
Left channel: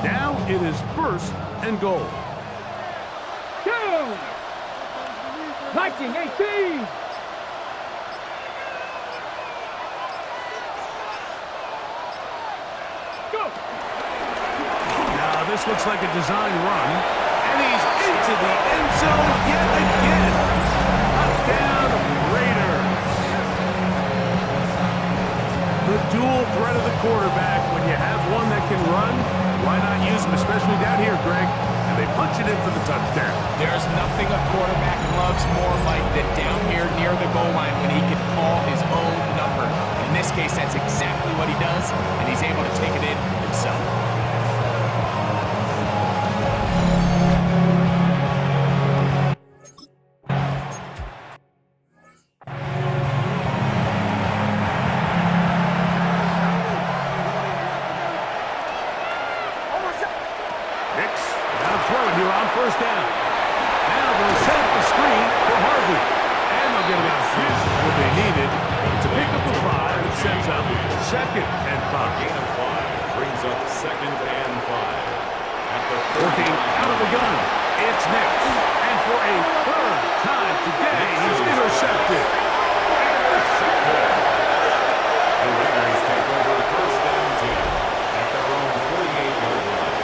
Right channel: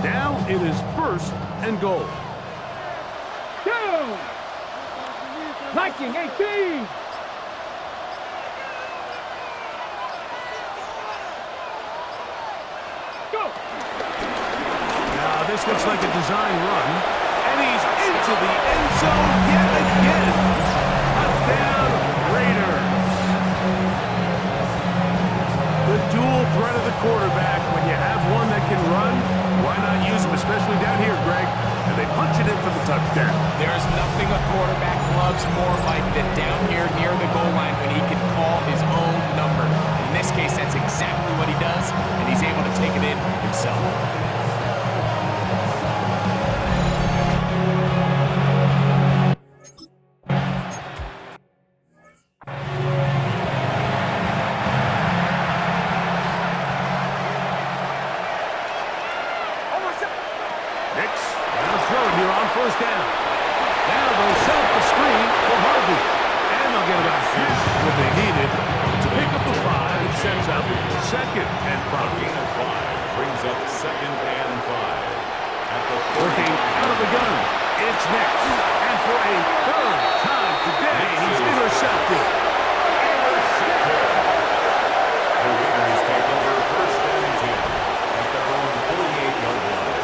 Now it is first and goal. Down. 1918. Go. Now this looks like a design run. And he's into the end zone yet again. Touchdown, Raiders. The dual threat of the quarterback. When you have one that can run, why not use him, especially down here, Greg? And they punch it in for the touchdown. There's nothing a quarterback loves more, Mike, than down here near the goal line when he can call his own number. And in this case, that's exactly what he does, and he's able to take it in himself. down. Now they'll set up the screen for Harvey. And they'll get about half what they needed to pick up a 5. It sets up 2nd and 5. Gain of 5 brings up 2nd and 5. At the Working out of the gun, it's Nix. And for a 3rd time today, he's intercepted. The Raiders take over 1st and 10 at their own 48-yard line.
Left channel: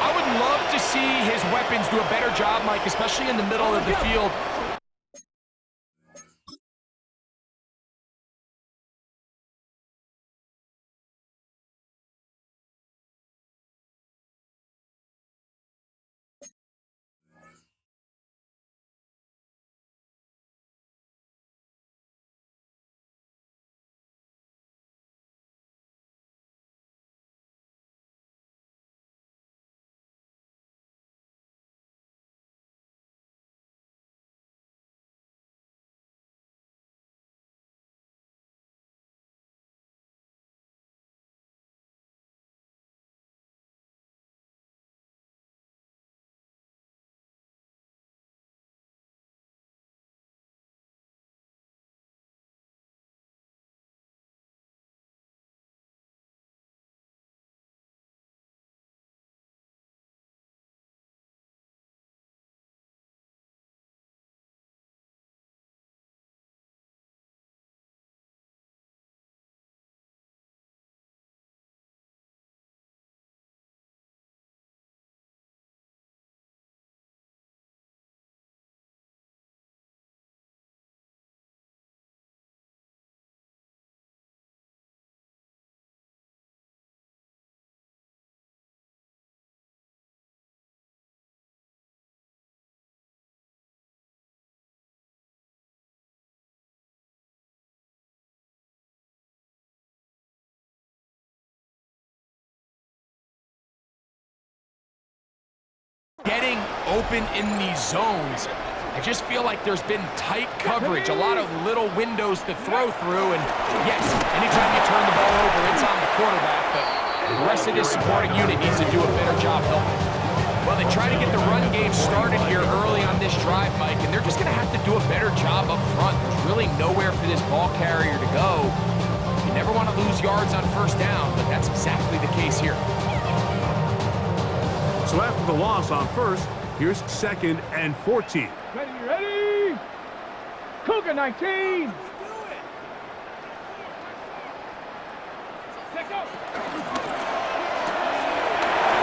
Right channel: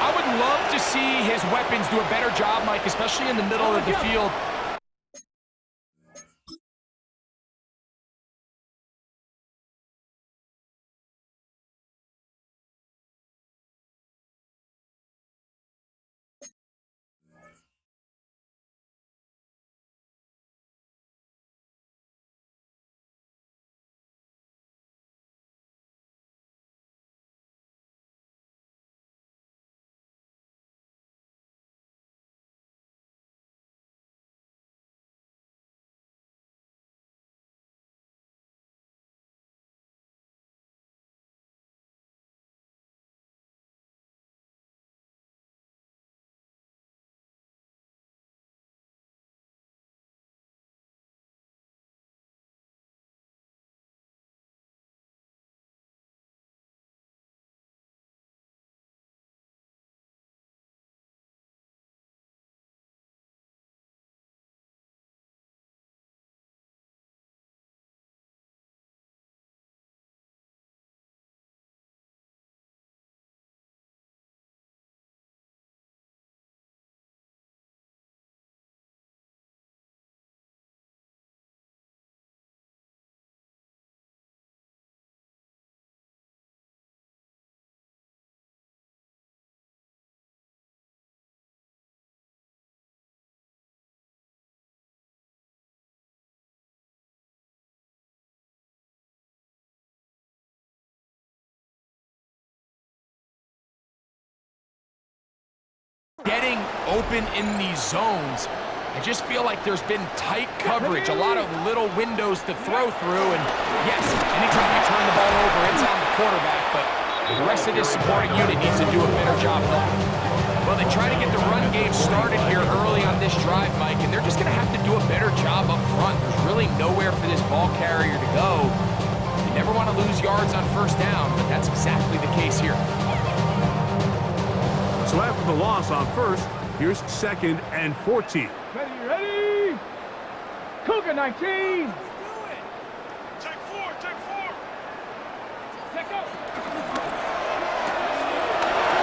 I would love to see his weapons do a better job, Mike, especially in the middle of the field. Getting open in these zones, I just feel like there's been tight coverage, a lot of little windows to throw through, and yes, anytime you turn the ball over, it's on the quarterback, but the rest of this supporting unit needs to do a better job helping. Well, they try to get the run game started here early on this drive, Mike, and they're just going to have to do a better job up front. There's really nowhere for this ball carrier to go. You never want to lose yards on 1st down, but that's exactly the case here. So after the loss on 1st, here's 2nd and 14. Ready? Cougar 19. Check 4. Check go.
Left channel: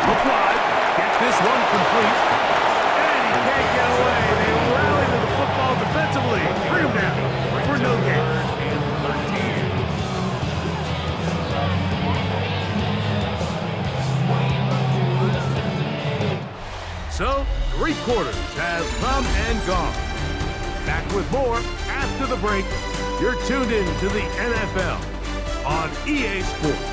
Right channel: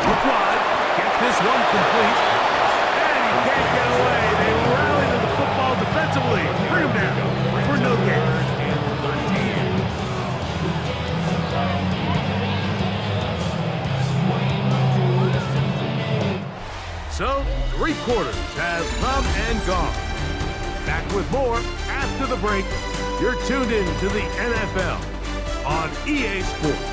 Look wide, get this one complete, and he can't get away. They rally to the football defensively. Bring him down for no gain. 3rd and 13. So, 3 quarters have come and gone. Back with more after the break. You're tuned in to the NFL on EA Sports.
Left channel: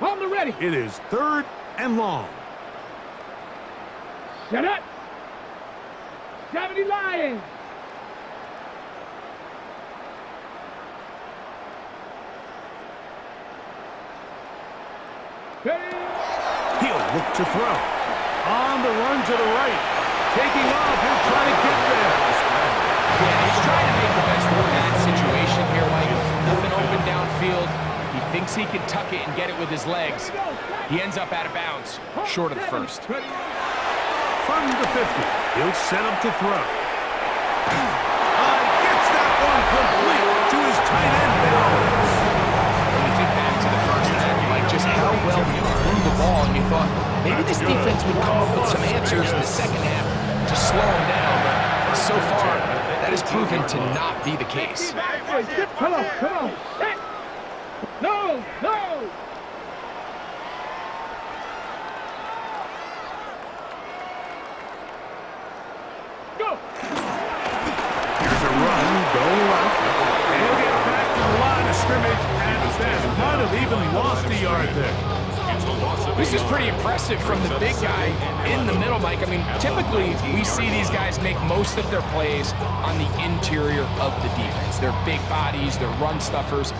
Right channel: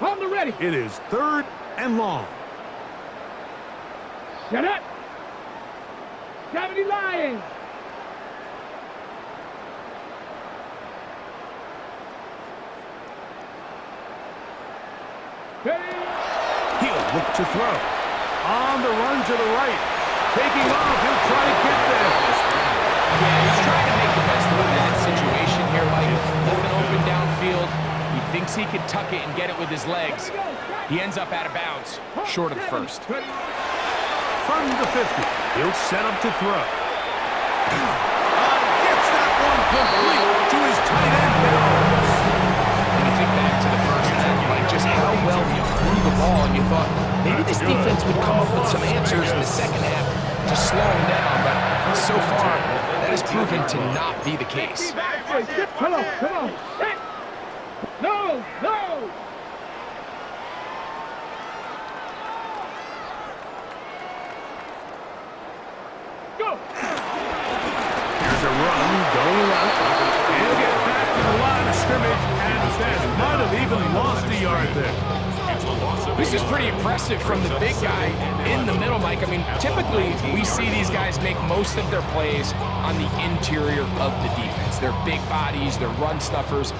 On the ready. It is 3rd and long. Shut up. 70 Lions. Ready. He'll look to throw. On the run to the right. Taking off, he'll try to get there. Yeah, he's trying to make the best of a bad situation here, Mike. Nothing open downfield. He thinks he can tuck it and get it with his legs. He ends up out of bounds, short of the 1st. From the 50, he'll set up to throw. Gets that one complete to his tight end Bells. When you think back to the 1st half, Mike, just how well he threw the ball, and you thought maybe this defense would come up with some answers in the 2nd half to slow him down, but so far, that has proven to not be the case. Come on. No. Go. Here's a run, going left, and he'll get back to the line line of scrimmage at best. Might have even lost a yard there. It's a loss of This is pretty impressive from the big guy in the middle, Mike. I mean, typically we see these guys make most of their plays on the interior of the defense. They're big bodies, they're run stuffers.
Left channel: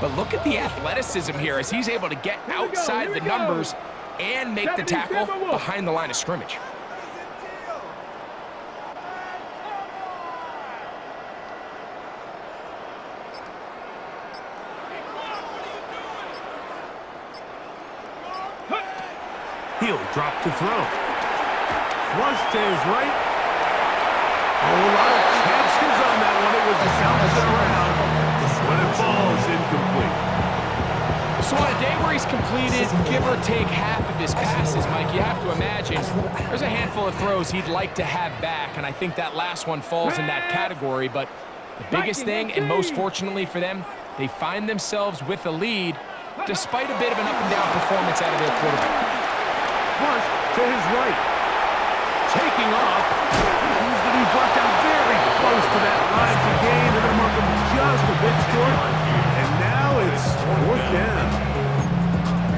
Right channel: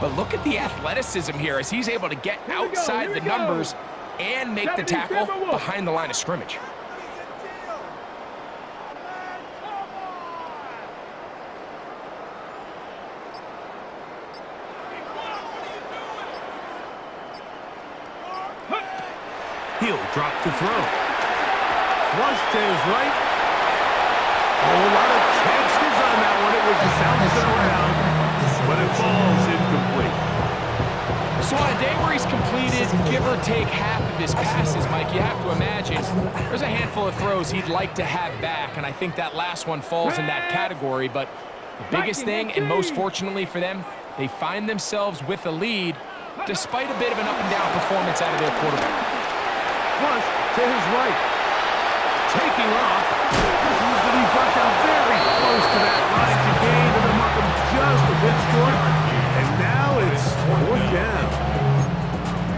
But look at the athleticism here as he's able to get outside the numbers and make the tackle behind the line of scrimmage. He'll drop to throw. Flush to his right. Oh, a lot of chances on that one. It was bouncing around, but it falls incomplete. So on a day where he's completed, give or take half of his passes, Mike, you have to imagine there's a handful of throws he'd like to have back, and I think that last one falls in that category. But the biggest thing, and most fortunately for them, they find themselves with a lead despite a bit of an up-and-down performance out of their quarterback. Flush to his right. Taking off. He's going to be brought down very close to that line to gain. They're going to mark him just a bit short. And now it's 4th down.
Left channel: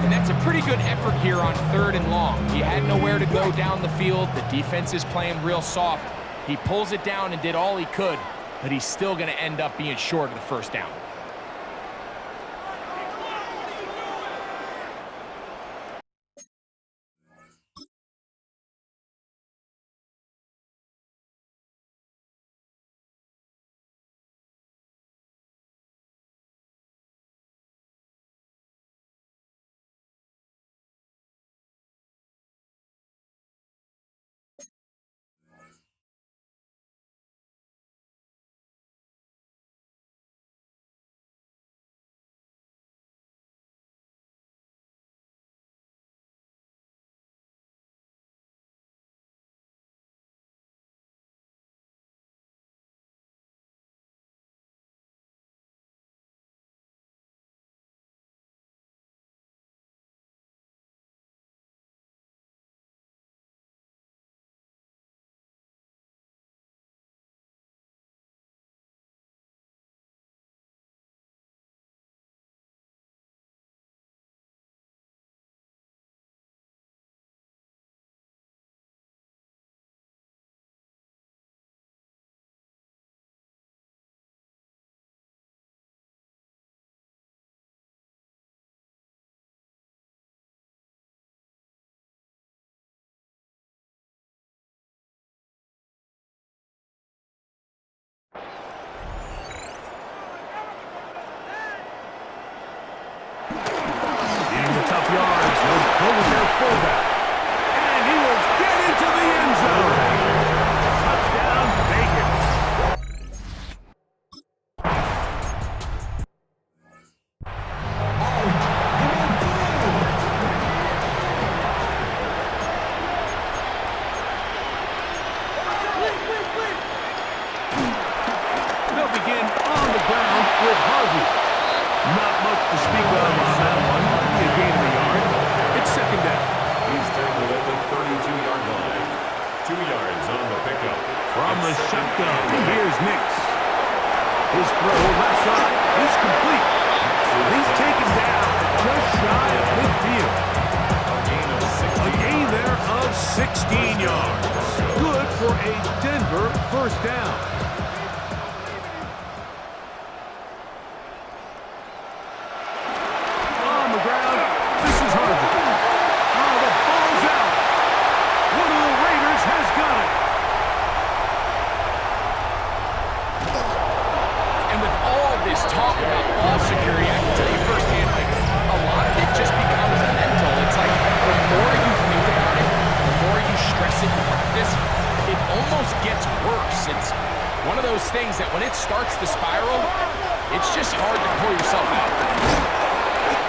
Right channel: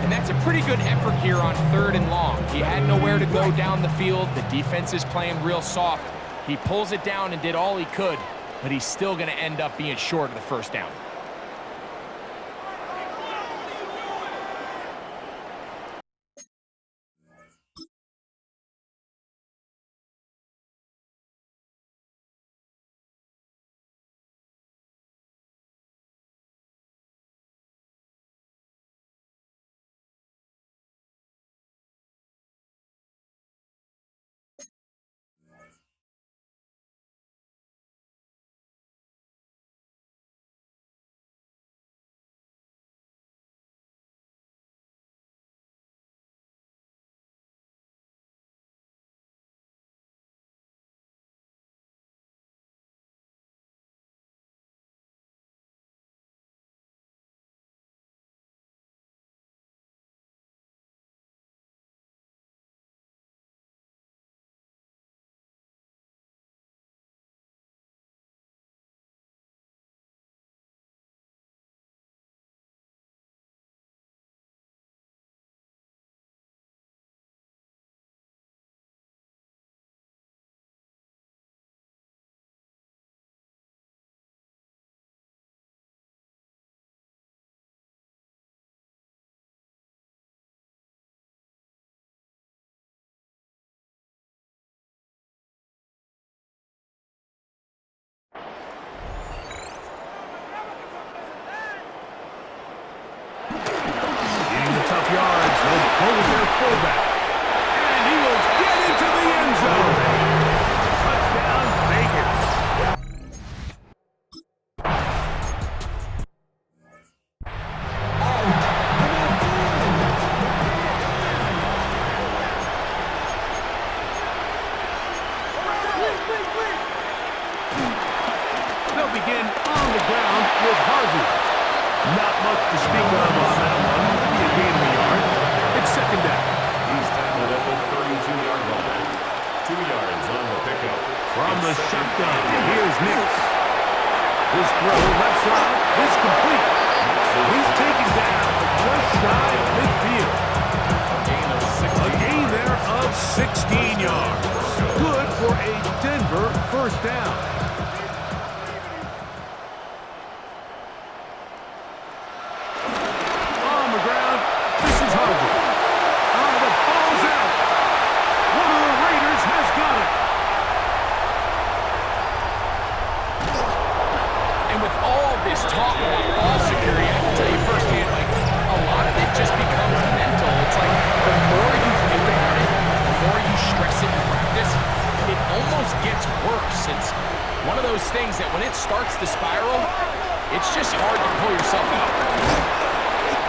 And that's a pretty good effort here on 3rd and long. He had nowhere to go down the field. The defense is playing real soft. He pulls it down and did all he could, but he's still going to end up being short of the 1st down. Tough yards. They'll go with their fullback. And he will get into the end zone. Touchdown, Vegas. They'll begin on the ground with Harvey. Not much to speak of on that one. Maybe a gain of a yard. It's 2nd down. He's tackled at the 32-yard line. 2 yards on the pickup. From the shotgun, here's Nix. His throw left side is complete. He's taken down just shy of midfield. A gain there of 16 yards. Good for a Denver 1st down. Talk about ball security, I can tell you firsthand, like, a lot of it just becomes mental. It's like the more you think about it, the more you stress it in practice, it almost gets worse. It's one of those things that when it starts to spiral, it's just hard to pull yourself out.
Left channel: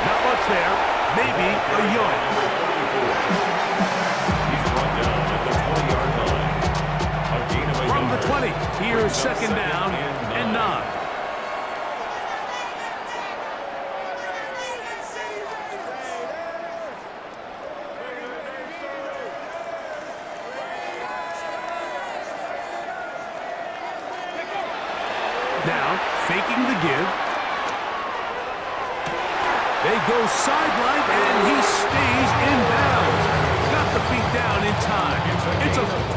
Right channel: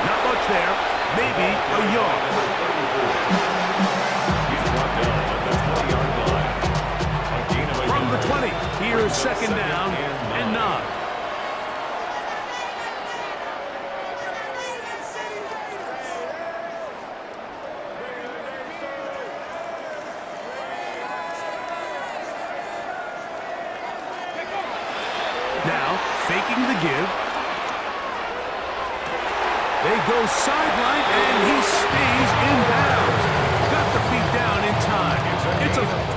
Not much there. Maybe a yard. He's brought down at the 20-yard line. A gain of a From yard. the 20, here's 2nd down and 9. Now, faking the give. They go sideline, and he stays in bounds. Got the feet down in time.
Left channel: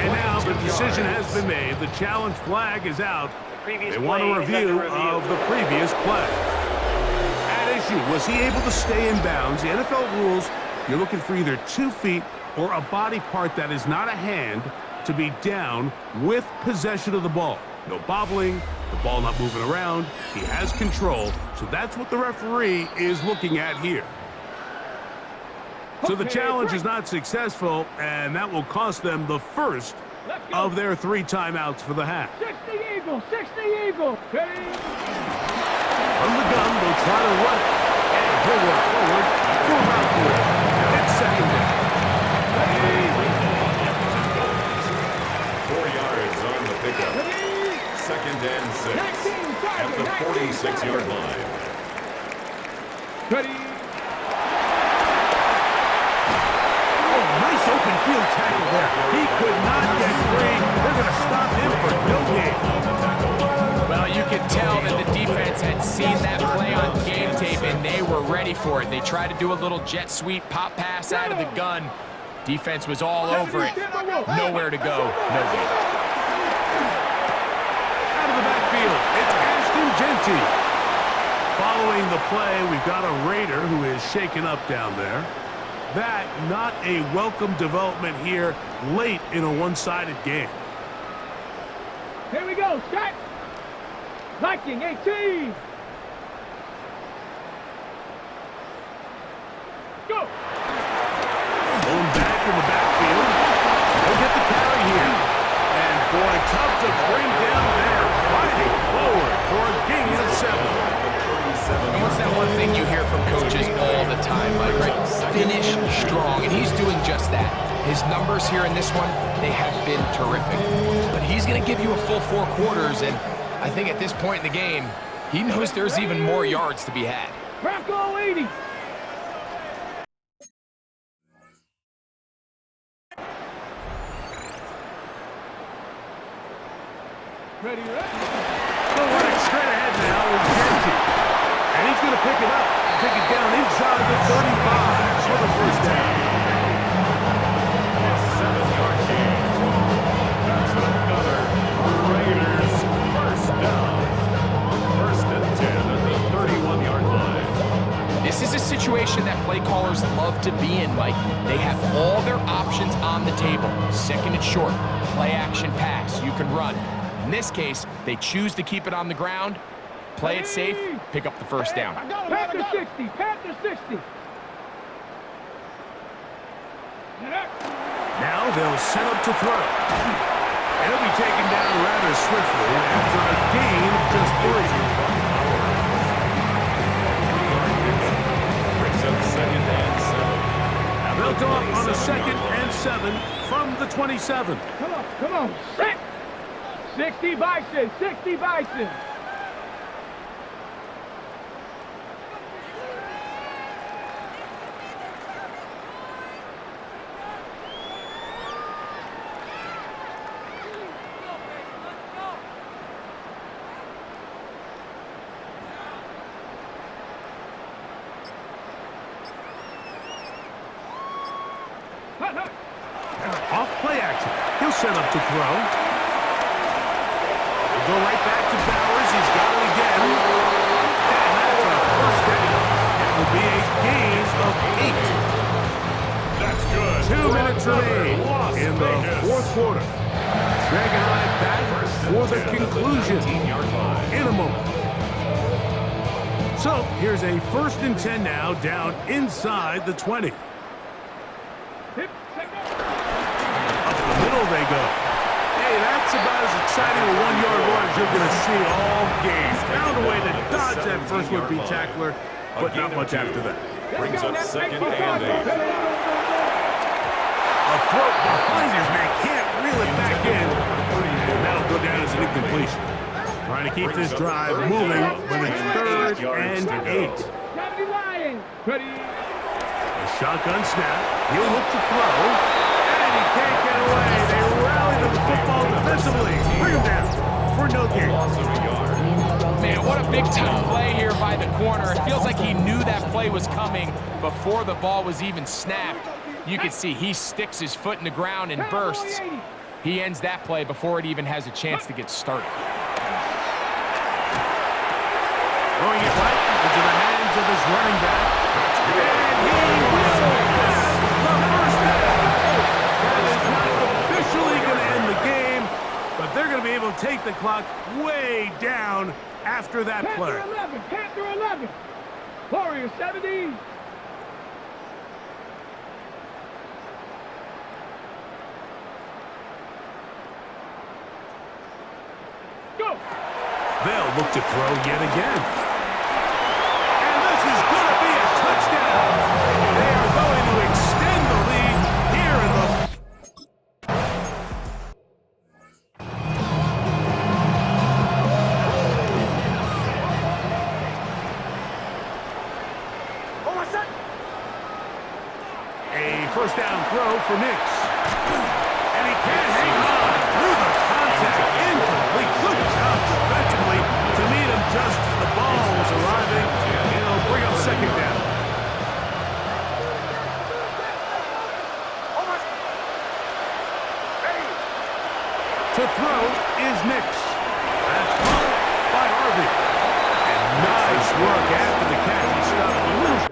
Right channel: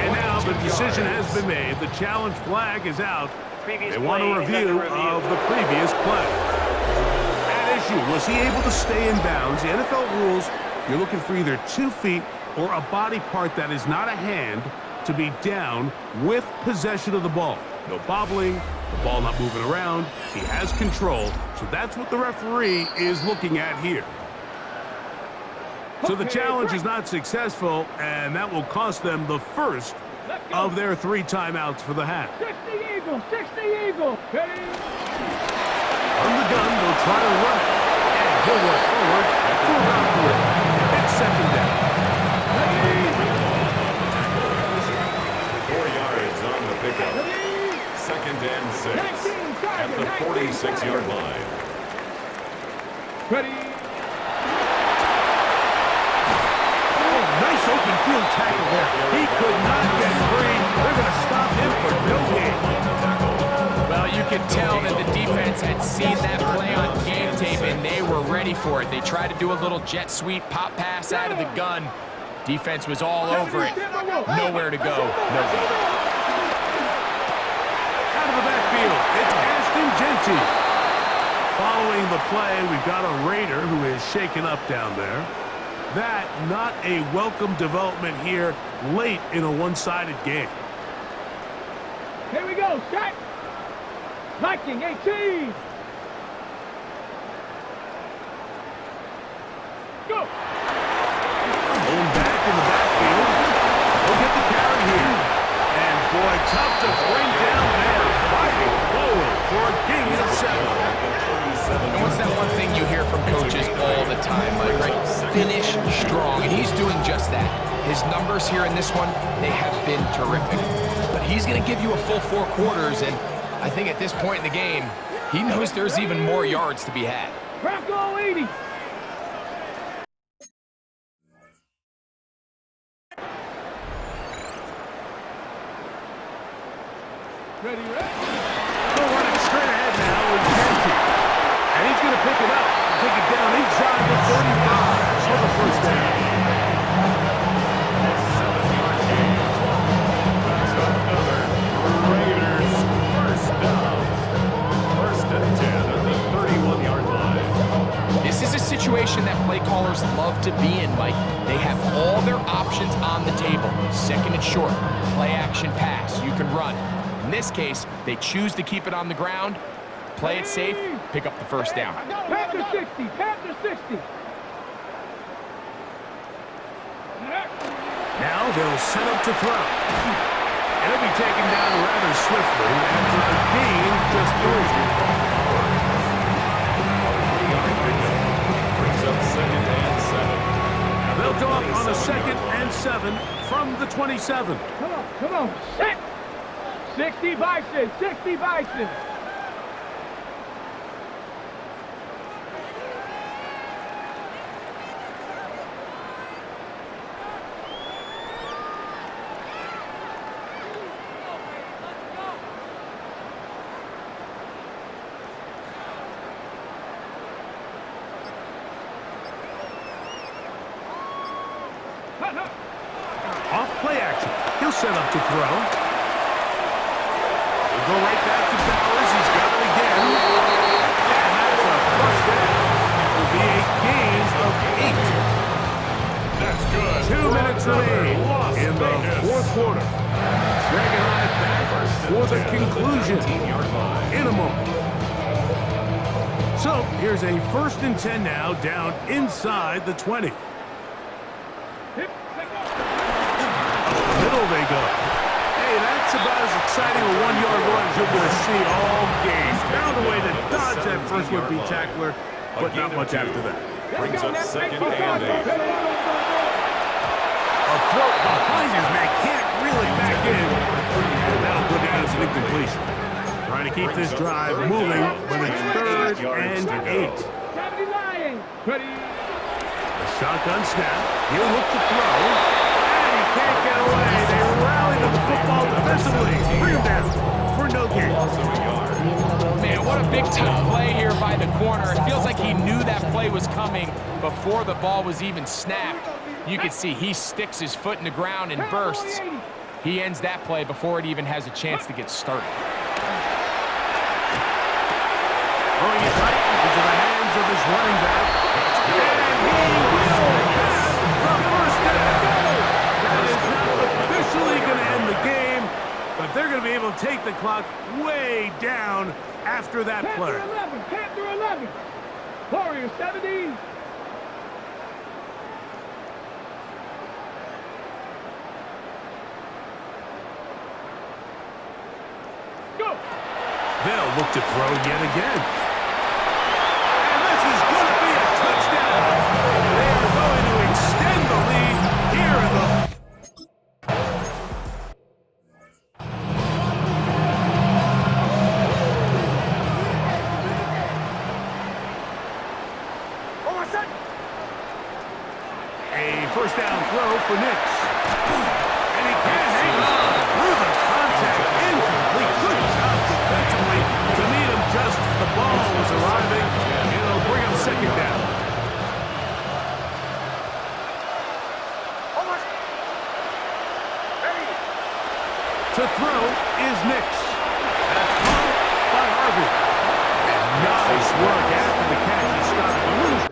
And now the decision has been made. The challenge flag is out. They want a review of the previous play. At issue, was he able to stay in bounds? The NFL rules, you're looking for either 2 feet or a body part that is not a hand to be down with possession of the ball. No bobbling, the ball not moving around. He has control, so that's what the referee is looking at here. So the challenge is not successful, and that will cost them the first of their 3 timeouts for the half. 60 Eagle, 60 Eagle. Okay. From the gun, they'll try to run it, and he'll work forward for about 3. It's second down. 4 yards on the pickup. Second and 6 at the 46-yard line. Ready. Nice open field tackle there. He could not get free. They're going to stop him for no gain. Well, you could tell that the defense had seen that play on game tape, and they were ready for it. They tried to do a little jet sweep, pop pass out of the gun. Defense was all over it. Nowhere to go. No gain. Out of the backfield, it's Ashton Genty. Following the play, we've got a Raider who is shaken up down there. That not a welcome development here late in a one-sided game. Here we go, set. Viking 18. Go. Going back in the backfield. He'll get the carry here. And boy, tough to bring down there. Fighting forward for a gain of 7. And what's that one thing you hear from coaches all the time, Mike, right? Finish strong, and he's doing just that. His numbers here in this one, they have been terrific. But he's going to give you a full 4 quarters, and I think at this point in the game, he knows there's even more yards to be had. Bronco 80. Ready, ready. Still running straight ahead now with Genty. And he's going to pick it up, take it down inside the 35 for the first down. A 7-yard gain. That's another Raiders first down. First and 10 at the 31-yard line. This is a situation that play callers love to be in, Mike. They have all their options on the table. Second and short, play action pass, you can run. In this case, they choose to keep it on the ground, play it safe, pick up the first down. Panther 60, Panther 60. Now they'll set up to throw. And it'll be taken down rather swiftly after a gain of just 3. A 3-yard pickup brings up second and 7. They'll go up on a second and 7 from the 27. Come on, set. 60 Bison, 60 Bison. Off play action. He'll set up to throw. He'll go right back to Bowers. He's got it again. And that's a first down. It will be a gain of 8. That's good. 2 minutes remain in the fourth quarter. Greg and I back for the conclusion in a moment. So here's a 1st and 10 now down inside the 20. Middle they go. Hey, that's about as exciting a 1-yard run as you're going to see all game. Found a way to dodge that first would-be tackler, but not much after that. Brings up second and 8. A throw behind his man, can't reel it back in, and that'll go down as an incompletion. Trying to keep this drive moving, but it's 3rd and 8. Ready. A shotgun snap. He'll look to throw. He can't get away. They rally to the football defensively. Bring him down for no gain. Man, what What a big-time play here by the corner. It feels like he knew that play was coming before the ball was even snapped. You can see he sticks his foot in the ground and bursts. He ends that play before it even has a chance to get started. Throwing it right into the hands of his running back. And he will have the first down. That is not officially going to end the game, but they're going to be able to take the clock way down after that play. Panther 11. Warrior 70. Go. They'll look to throw yet again. And this is going to be a touchdown. They are going to extend the lead here in the... A first down throw for Nix. And he can't hang on through the contact. Incomplete. Good job defensively to meet him just as the ball was arriving. It'll bring up second down. To throw is Nix. That's caught by Harvey. And nice work after the catch. He stopped a little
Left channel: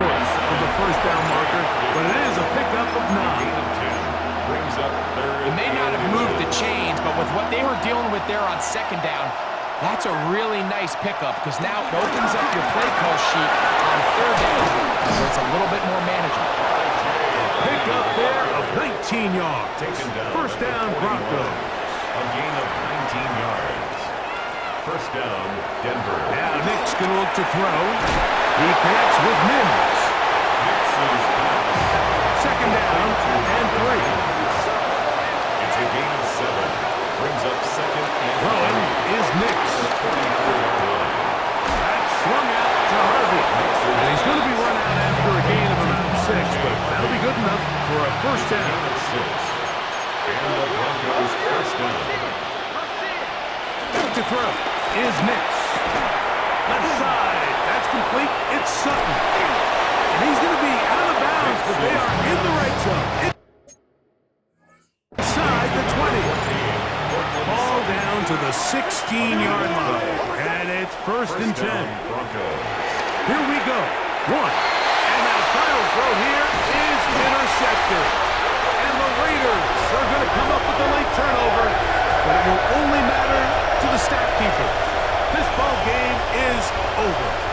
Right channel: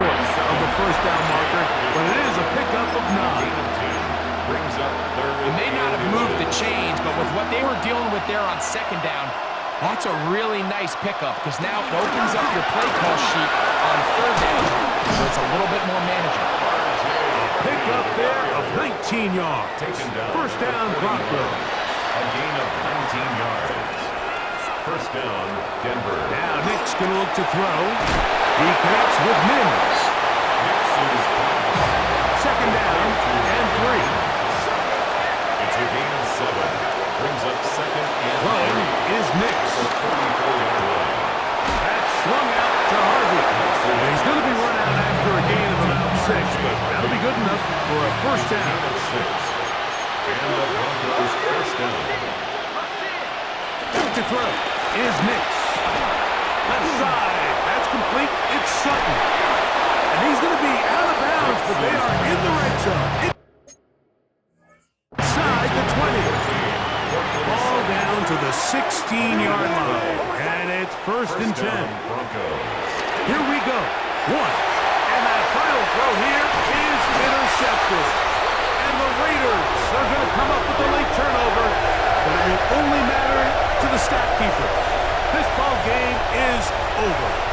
of the first down marker, but it is a pickup of 9. Brings up third. It may not have moved the chains, but with what they were dealing with there on second down, that's a really nice pickup because now it opens up your play call sheet on third down where it's a little bit more manageable. Pickup there of 19 yards. Taken down. First down, Broncos. A gain of 19 yards. First down, Denver. Now Nick's going to look to throw. He connects with Mims. Nix's pass. Second down and 3. It's a gain of 7. Brings up second and Throwing 3. is Nix. 34-yard line. That's swung out to Harvey. And he's going to be run out after a gain of about 6, but that'll be good enough for a first down. Gain of 6. And the Broncos first down. To throw is Nix. Left side. That's complete. It's Sutton. And he's going to be out of bounds, but they are in the red zone. Inside the 20. Ball down to the 16-yard line. And it's first and 10. Broncos. Here we go. 1. And that final throw here is intercepted. And the Raiders are going to come up with a late turnover, but it will only matter to the stat keepers. This ball game is over.